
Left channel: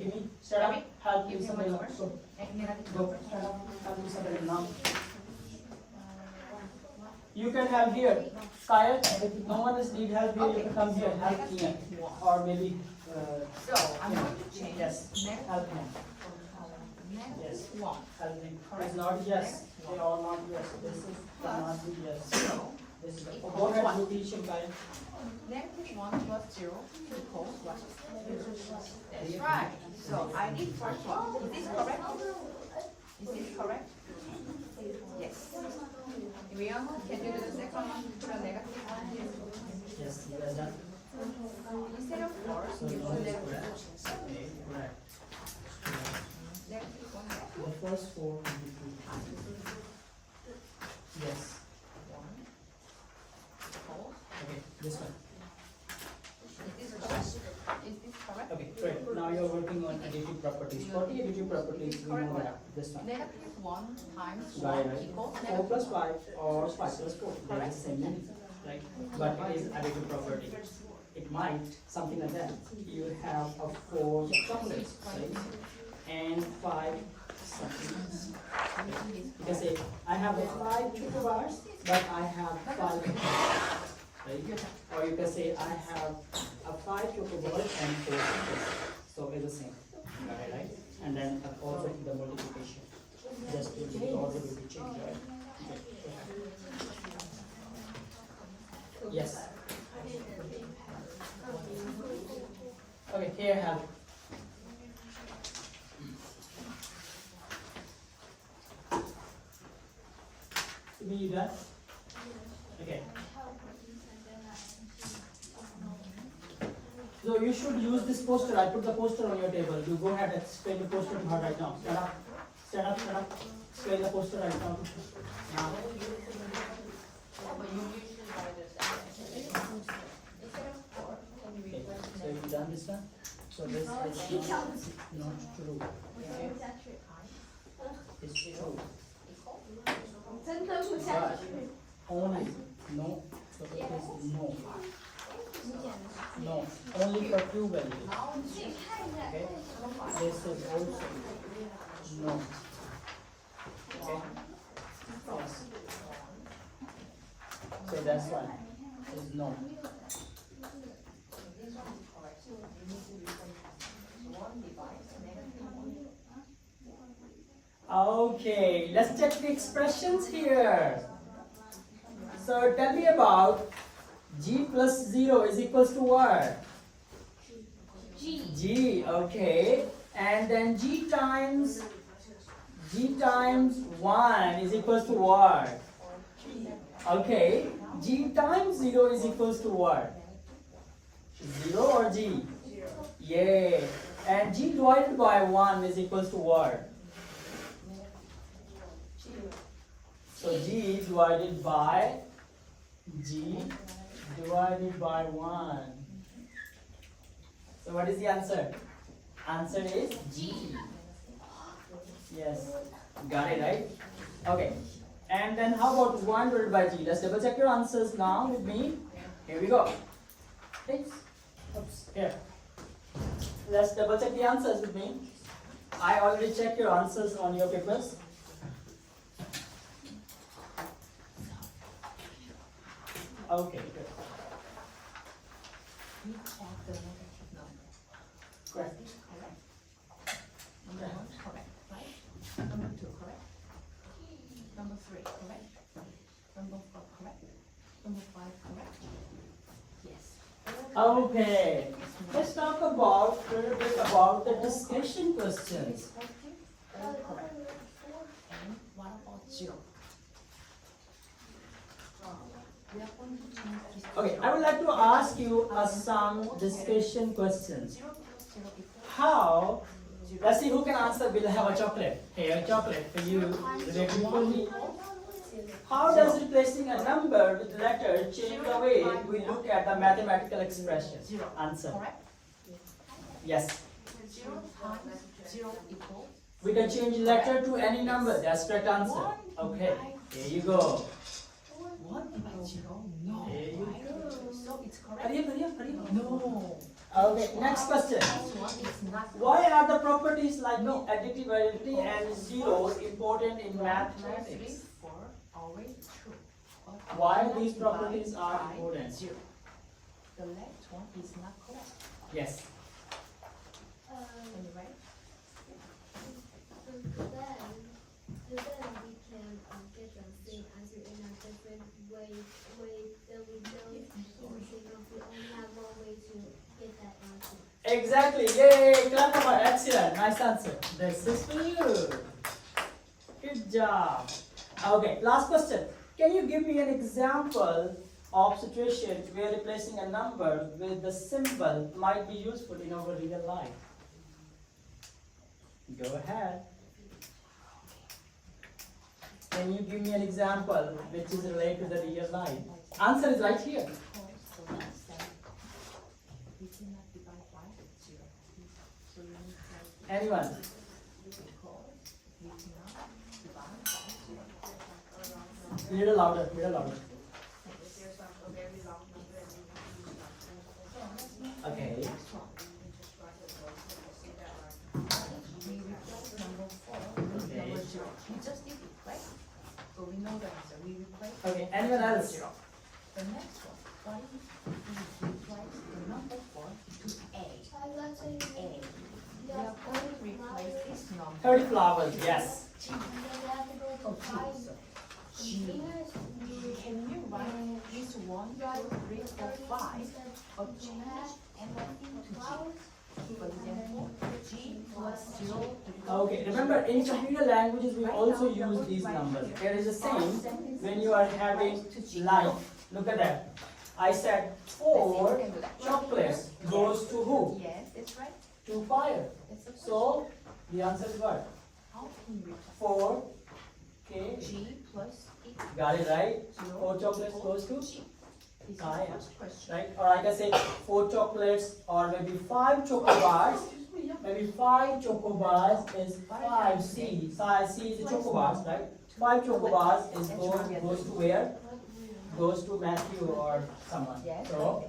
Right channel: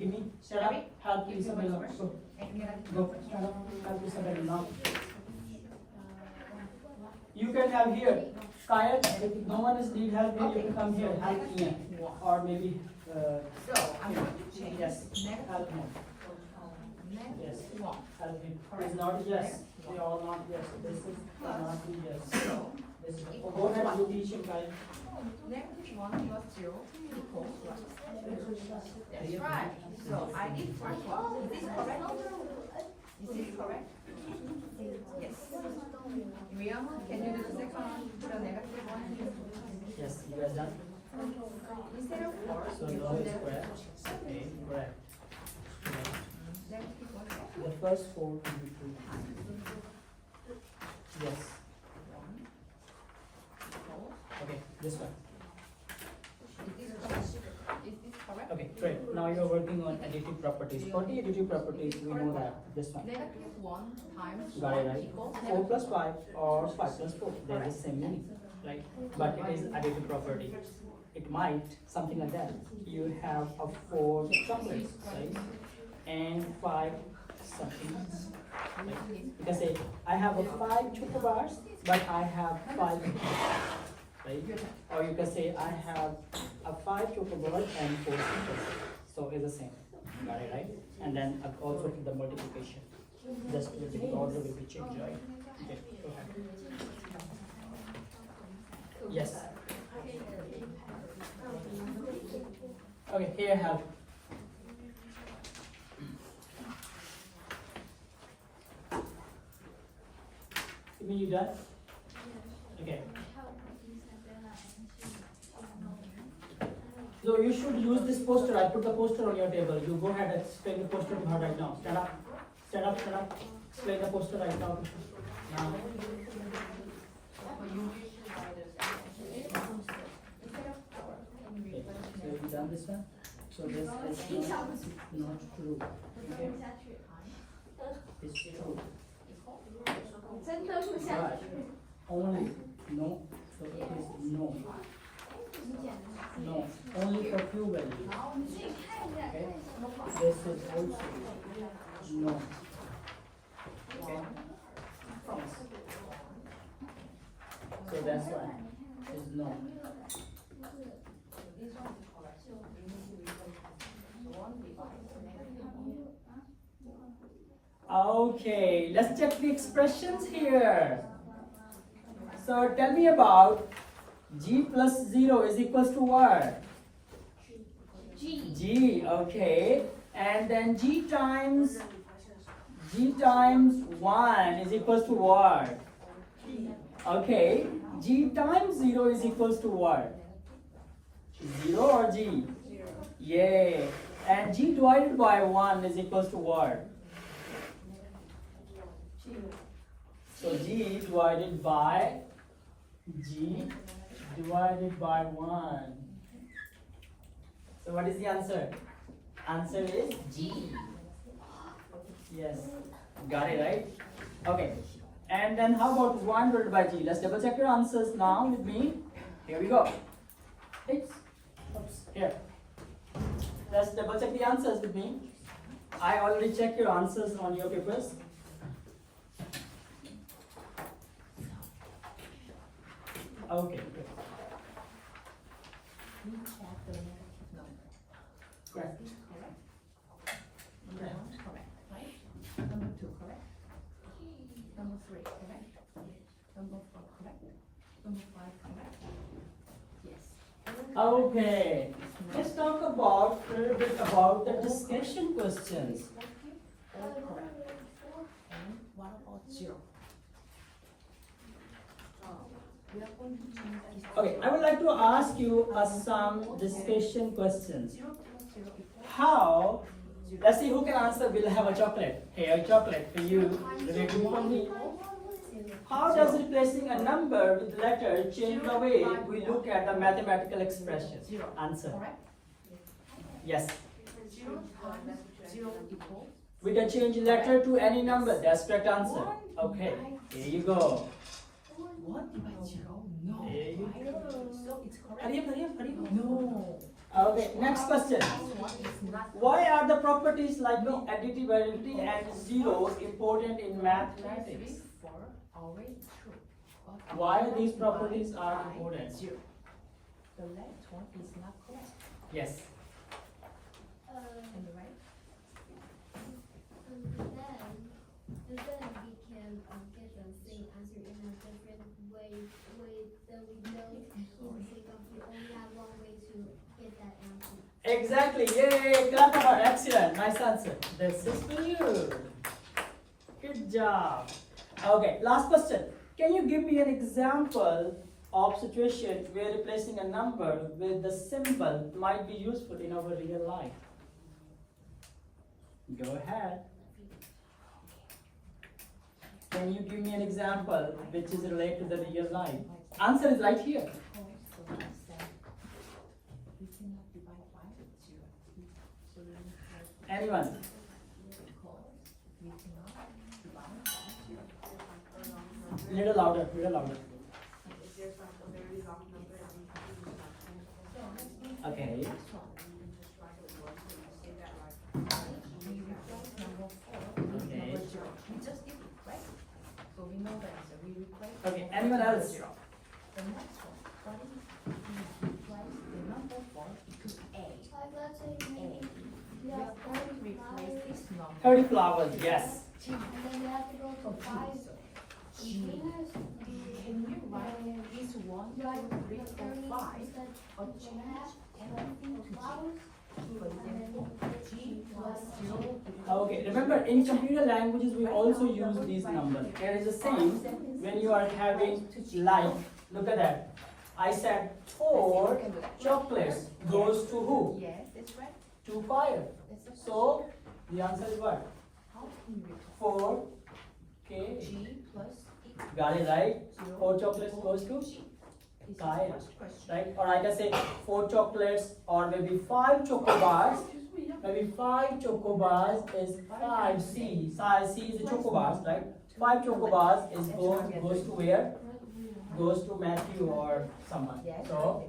Give me, stand up, help Give me Isabel. one word. So, And negative go, number. stand up, help Isabel now. You can have here, Kyle, if no one is need help, you can come here, help Ian. Or maybe, So I'm going to change yes, negative help him, negative 1. help him. It's not yes, they are not yes, this is not yes. So This is, oh, go ahead, you teach him, Kyle. negative 1 plus 0 equals what? That's right. So I did first one. Is this correct? Is this correct? Yes. Rian, can you do the second one? The negative 1. Yes, you guys done? Instead of 4, So you no do is that. correct. Okay, correct. Negative 1. The first 4 will be true. Yes. 1 equals. Okay, this one. Is this correct? Is this correct? Okay, great. Now you're working on additive properties. For the additive properties, we know that. This one. Negative 1 times Got it, 1 right? equals 4 negative plus 5 or 5 plus 4. They are the same meaning, right? But it is additive property. It might, something like that. You have a 4 chocolates, right? And 5 something else. Right? You can say, I have a 5 choco bars, but I have 5 chocolates. Right? Or you can say, I have a 5 choco bars and 4 chocolates. So it's the same. Got it, right? And then also the multiplication. Just the order will be changed, right? Okay. Yes. Okay, here I have. You mean you done? Okay. So you should use this poster. I'll put the poster on your table. You go ahead and explain the poster to her right now. Stand up. Stand up, stand up. Explain the poster right now. Now. Okay, so have you done this one? So this is not true. Okay? It's true. But only, no, so it is no. No, only for few values. Okay? This is also no. Okay? Yes. So that's why is no. Okay, let's check the expressions here. So tell me about g plus 0 is equals to what? G, okay. And then g times 1 is equals to what? Okay. G times 0 is equals to what? 0 or g? 0. Yay. And g divided by 1 is equals to what? So g divided by 1. So what is the answer? Answer is G. Yes. Got it, right? Okay. And then how about 1 divided by G? Let's double check your answers now with me. Here we go. Oops, here. Let's double check the answers with me. I already checked your answers on your papers. Okay, good. We check the negative number. Correct. Is this correct? Number one, correct, right? Number two, correct? Number three, correct? Number four, correct? Number five, correct? Yes. Okay. Let's talk about a little bit about the discussion questions. All correct. And what about zero? We are going to change this. Okay, I would like to ask you some discussion questions. Zero plus zero equals How? Let's see who can answer. We'll have a chocolate. Here, a chocolate for you. Ready for me? How does replacing a number with letter change the way we look at the mathematical expression? Answer. correct? Yes. Zero times zero equals. We can change letter to any number. That's correct answer. Okay. Here you go. One divided zero? No. Here you So it's correct? Hurry up, hurry up, hurry up. No. Okay, next question. This one is not. Why are the properties like the additivity and zero important in mathematics? 3, 4, always true. But Why not these divided properties are by important? Zero. The last one is not correct. Yes. Am I right? And then we can get the same answer in a different way that we know we only have one way to get that answer. Exactly. Yay! Clap for her. Excellent. Nice answer. This is for you. Good job. Okay. Last question. Can you give me an example of situation where replacing a number with the symbol might be useful in our real life? Go ahead. Can you give me an example which is related to the real life? Answer is right here. So let's say we cannot divide by zero. So we need to Anyone? because we cannot divide by zero. Little louder. Little louder. Okay. We replace number 4 with Okay. number 0. We just did it, right? So we know the answer. We replace. Okay. Anyone else? The next one, what if we replace the number 4 to A? A. We are going to replace this number. 30 flowers. Yes. G. Oh, G. So G. Can you write this 1, 2, 3, 4, 5 or change anything to G? For example, G plus 0 equals. Okay. Remember, in computer languages, we also use these numbers. It is the same when you are having like. Look at that. I said 4 chocolates goes to who? Yes, that's right. To fire. That's the So the answer is what? how can you replace 4. Okay. G plus equals Got it right. 0 4 chocolates goes to G? This is the fire. first question. Right? Or I can say 4 chocolates or maybe 5 chocobars. Maybe 5 chocobars is 5 C. Size C is the chocobars, right? 5 chocobars is goes to where? Goes to Matthew or someone. Yes. So Okay.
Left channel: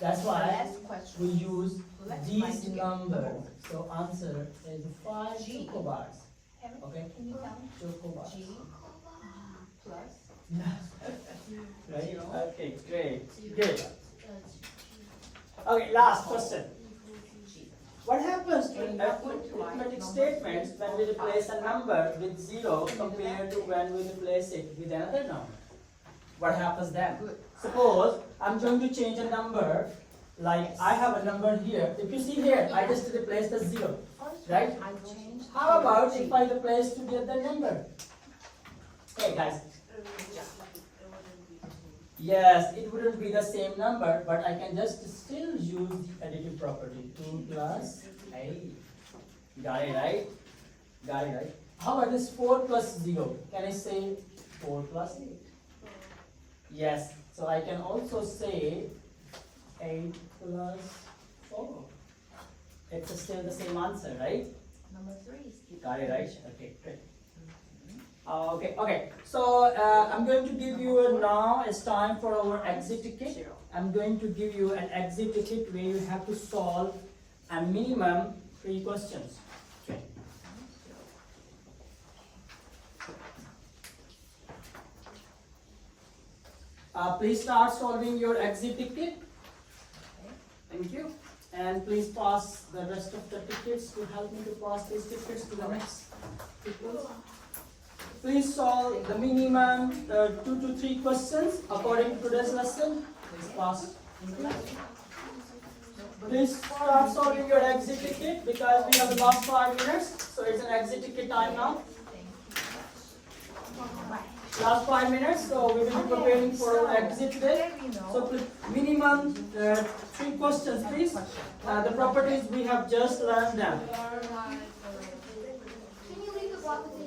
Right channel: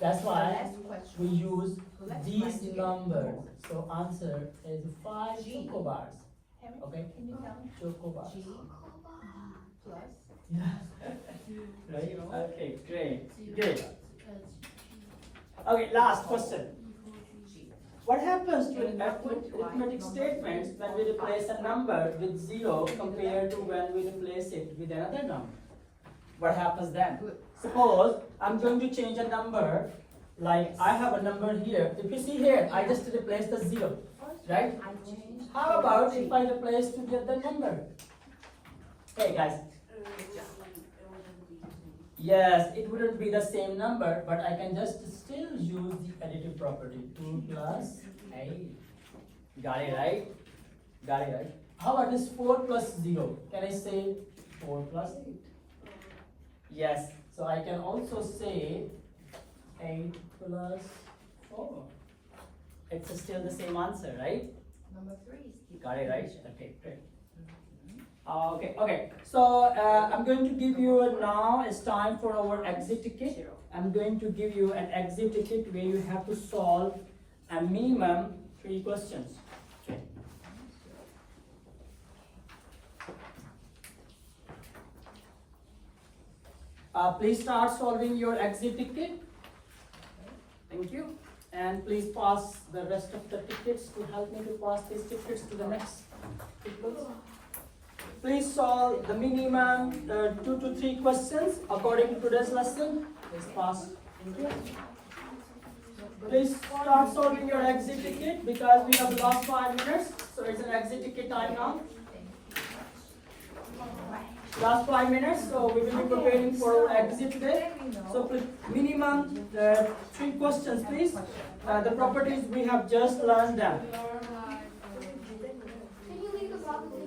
that's The why last question. we use Let's these write together. numbers. So answer is 5 G. chocobars. Okay? Can you count? Chocobars. G plus Right? Zero. Okay, great. Good. Okay, last question. G. What happens to arithmetic statements when we replace a number with 0 compared to when we replace it with another number? What happens then? Good. Suppose I'm going to change a number, like I have a number here. If you see here, I just replace the 0, First right? I changed. How about if I replace to the other number? Hey guys. Yes, it wouldn't be the same number, but I can just still use the additive property. 2 plus 8. Got it right? Got it right? How about this 4 plus 0? Can I say 4 plus 8? Yes, so I can also say 8 plus 4. It's still the same answer, right? Number 3 is equal. Got it right? Okay, great. Okay. So I'm going to give you now. It's time for our exit ticket. I'm going to give you an exit ticket where you have to solve a minimum 3 questions. Okay. Please start solving your exit ticket. Thank you. And please pass the rest of the tickets to help me to pass these tickets to the next people. Please solve the minimum 2 to 3 questions according to today's lesson. Please pass. Thank you. Please start solving your exit ticket because we have the last 5 minutes. So it's an exit ticket time now. Last 5 minutes, so we will be preparing for our exit today. So minimum 3 questions, please. The properties we have just learned them. Can you leave the property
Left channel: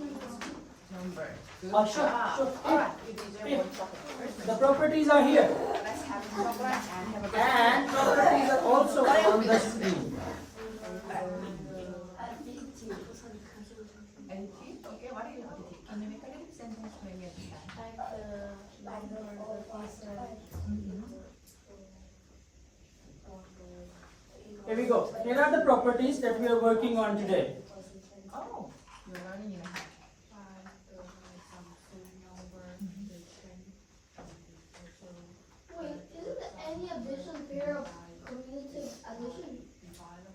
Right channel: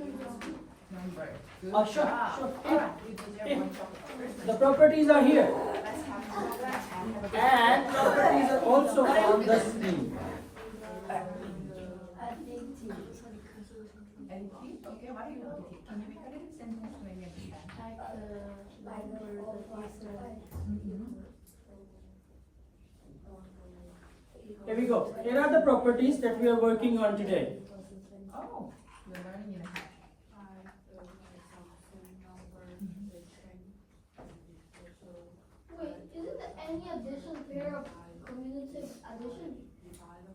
Sure. Here. The properties are here. And properties are also on the screen. Here we go. Here are the properties that we are working on today. Oh, you're learning in Wait, isn't there any addition pair of commutative addition?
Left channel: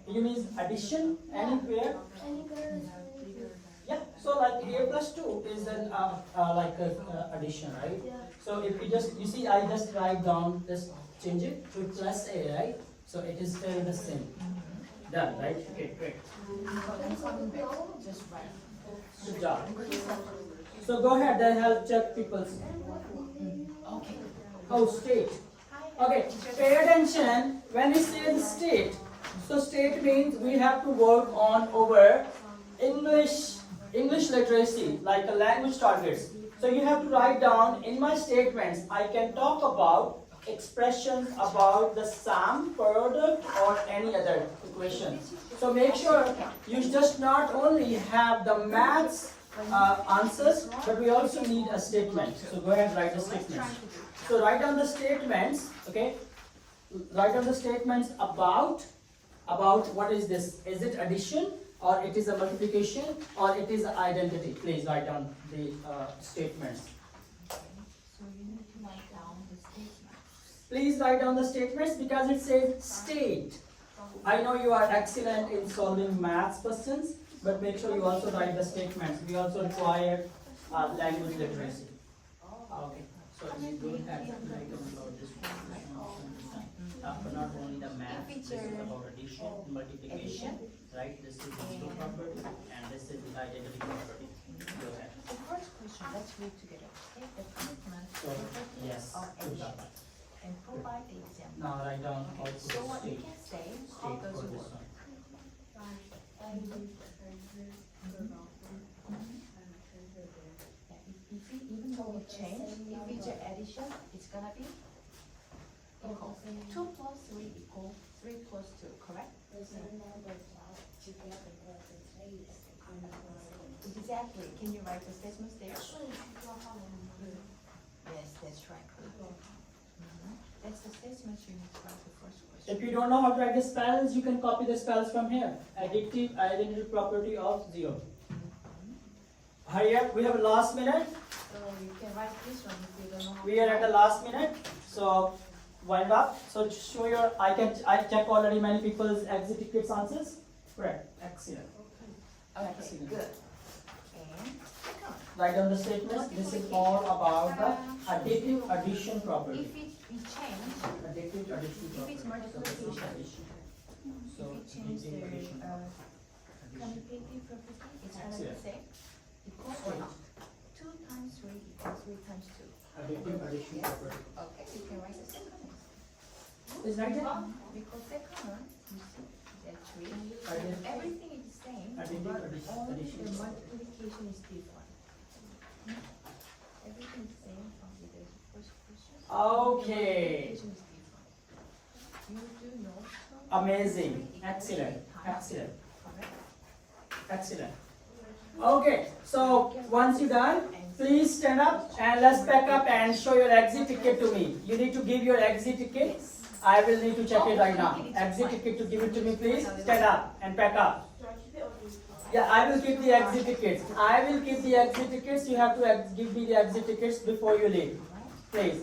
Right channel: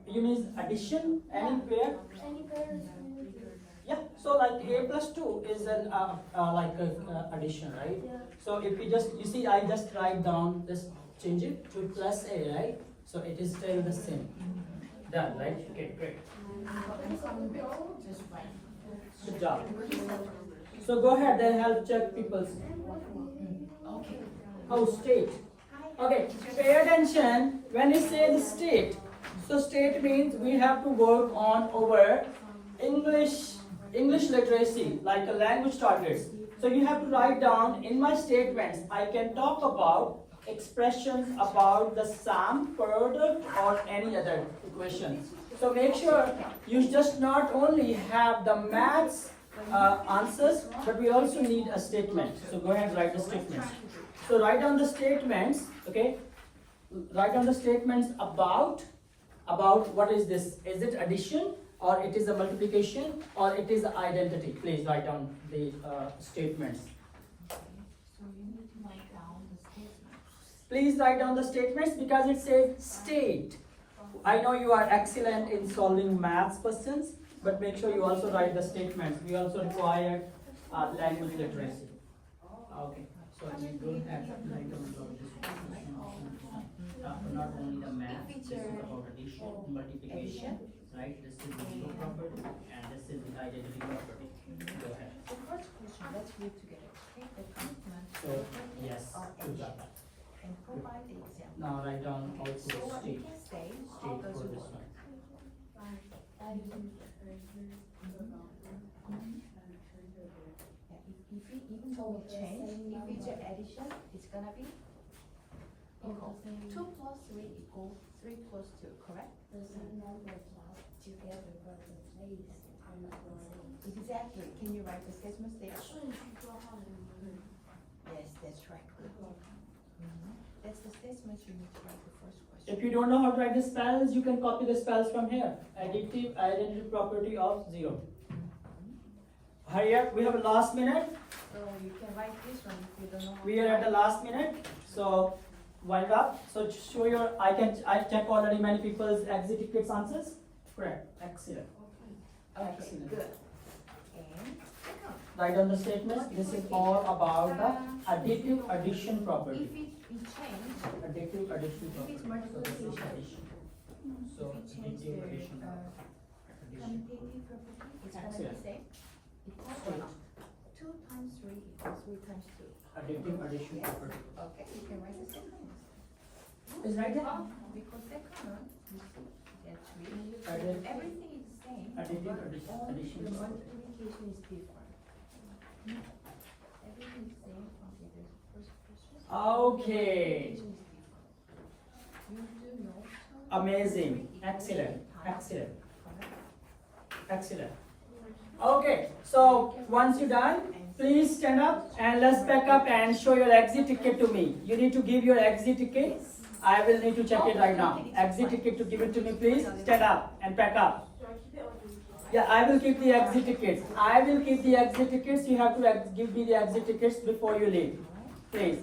You mean addition? Any pair? Any pair is commutative? Yeah. So like a plus 2 is an addition, right? Yeah. So if you see, I just write down, just change it to plus a, right? So it is still the same. Done, right? Okay, great. Good job. So go ahead and help check people's. Oh, state. Okay, pay attention when you say the state. So state means we have to work on our English literacy, like a language targets. So you have to write down in my statements. I can talk about expressions about the sum, product, or any other equation. So make sure you just not only have the maths answers, but we also need a statement. So go ahead and write the statements. So write down the statements, okay? Write down the statements about what is this? Is it addition, or it is a multiplication, or it is an identity? Please write down the statements. So you need to write down the statement. Please write down the statements because it says state. I know you are excellent in solving maths questions, but make sure you also write the statements. We also require language literacy. Okay, so you don't have to write down about this. Not only the math, this is about addition, multiplication, right? This is the zero property, and this is the identity property. Go ahead. The first question, let's read together. Take the commitment So, yes, or good job. action and provide the example. Now write down output So what we state. can say, how State does for it this work? one. Even though we change, if it's an addition, it's gonna be equal. 2 plus 3 equals 3 plus 2, correct? Exactly. Can you write the statements there? Yes, that's right. That's the statements you need to write the first question. If you don't know how to write the spells, you can copy the spells from here. Additive identity property of 0. Hurry up, we have a last minute. So you can write this one if you don't know. We are at the last minute, so wind up. So show your, I check already many people's exit tickets answers. Correct, excellent. Okay, Excellent. good. And second, Write down the statements. This is all about the additive addition property. if we change, Additive addition if property. it's multiplication, So if we change the additive addition property. commutative property, it's gonna be Excellent. the same. Equals or not? 2 times 3 equals 3 times 2. Additive addition property. Okay, you can write the second one. Is right there? Because second one, you see, that 3, Additive. everything is the same, Additive but addition. only Addition. the multiplication is different. Everything is the same until the first question. Okay. The multiplication is different. You do know. Amazing. Excellent. Excellent. Correct? Excellent. Okay, so once you're done, please stand up and let's pack up and show your exit ticket to me. You need to give your exit ticket. I will need to check it right now. Exit ticket to give it to me, please. Stand up and pack up. Yeah, I will keep the exit tickets. I will keep the exit tickets. You have to give me the exit tickets before you leave, please.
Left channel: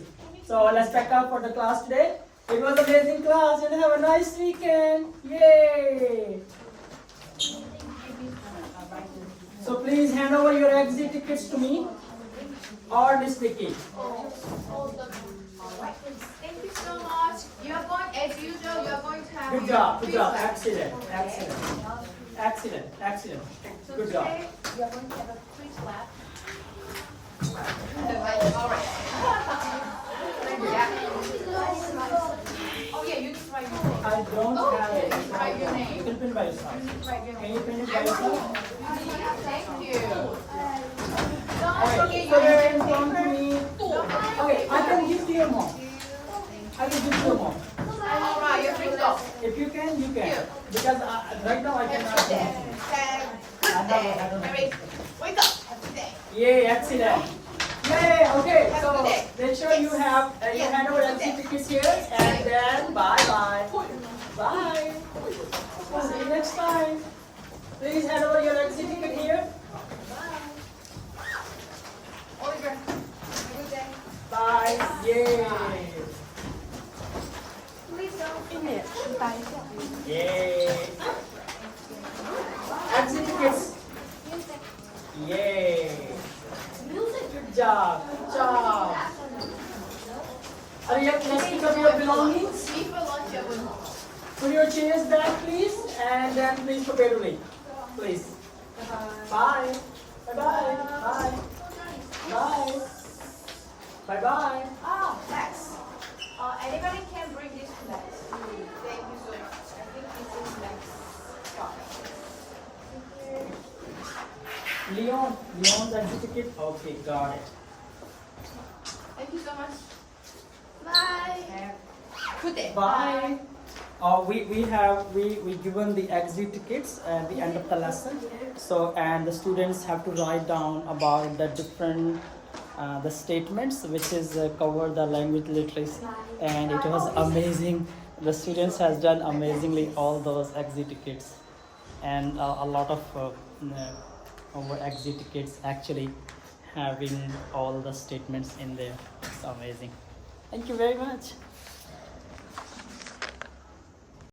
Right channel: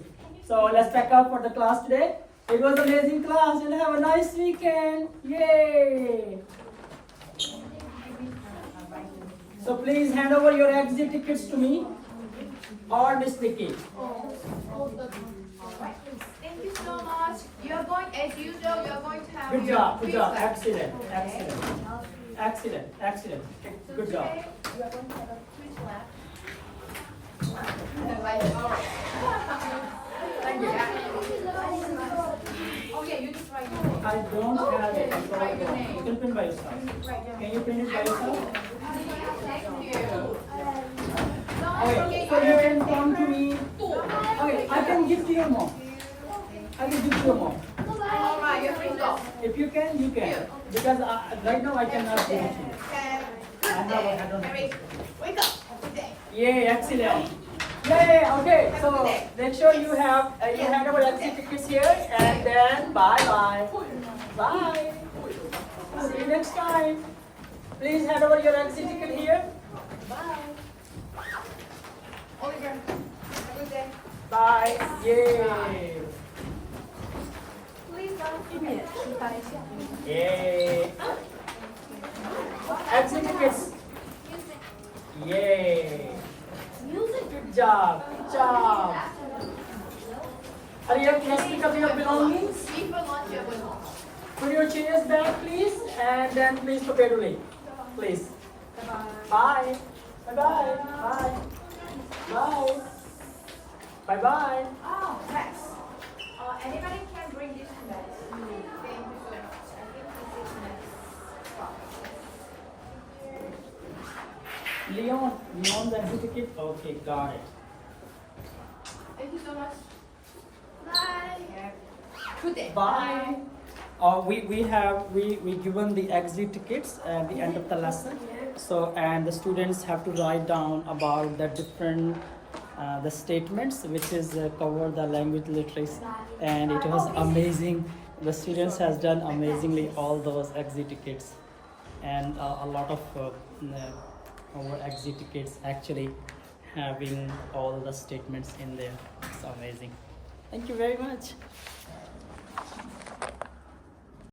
So let's pack up for the class today. It was an amazing class. You'll have a nice weekend. Yay! So please hand over your exit tickets to me or Miss Vicky. Thank you so much. You're going, as usual, you're going to have Good job, good job. feedback. Excellent, excellent. Good job. You're going to have a quiz lab. All right. Thank you. Oh yeah, you just write your name. I don't have it. Write your name. You can print by yourself. Write your Can name. you print it by yourself? Thank you. Okay, so you can come to me. Okay, I can give to your mom. I can give to your mom. All right, you're free to go. If you can, you can. Because right now I cannot give it to you. I don't have it. Wake up. Yay, excellent. Yay, okay. So make sure you have you hand over exit tickets here and then bye. Bye. See you next time. Please hand over your exit ticket here. Oliver, have a good day. Bye. Yay. Yay. Exit tickets. Yay. Good job. Good job. Are you let's pick up your belongings? See for lunch, everyone. Put your chairs back, please, and then please prepare to leave. Please. Bye. Bye-bye. Bye. Bye. Bye-bye. Oh, thanks. Anybody can bring this to us. Thank you so much. I think this is next. Leon's exit ticket. Okay, got it. Thank you so much. Bye. Good day. Bye. We given the exit tickets at the end of the lesson. So and the students have to write down about the different the statements which is cover the language literacy, and it was amazing. The students has done amazingly all those exit tickets, and a lot of our exit tickets actually having all the statements in there. It's amazing. Thank you very much.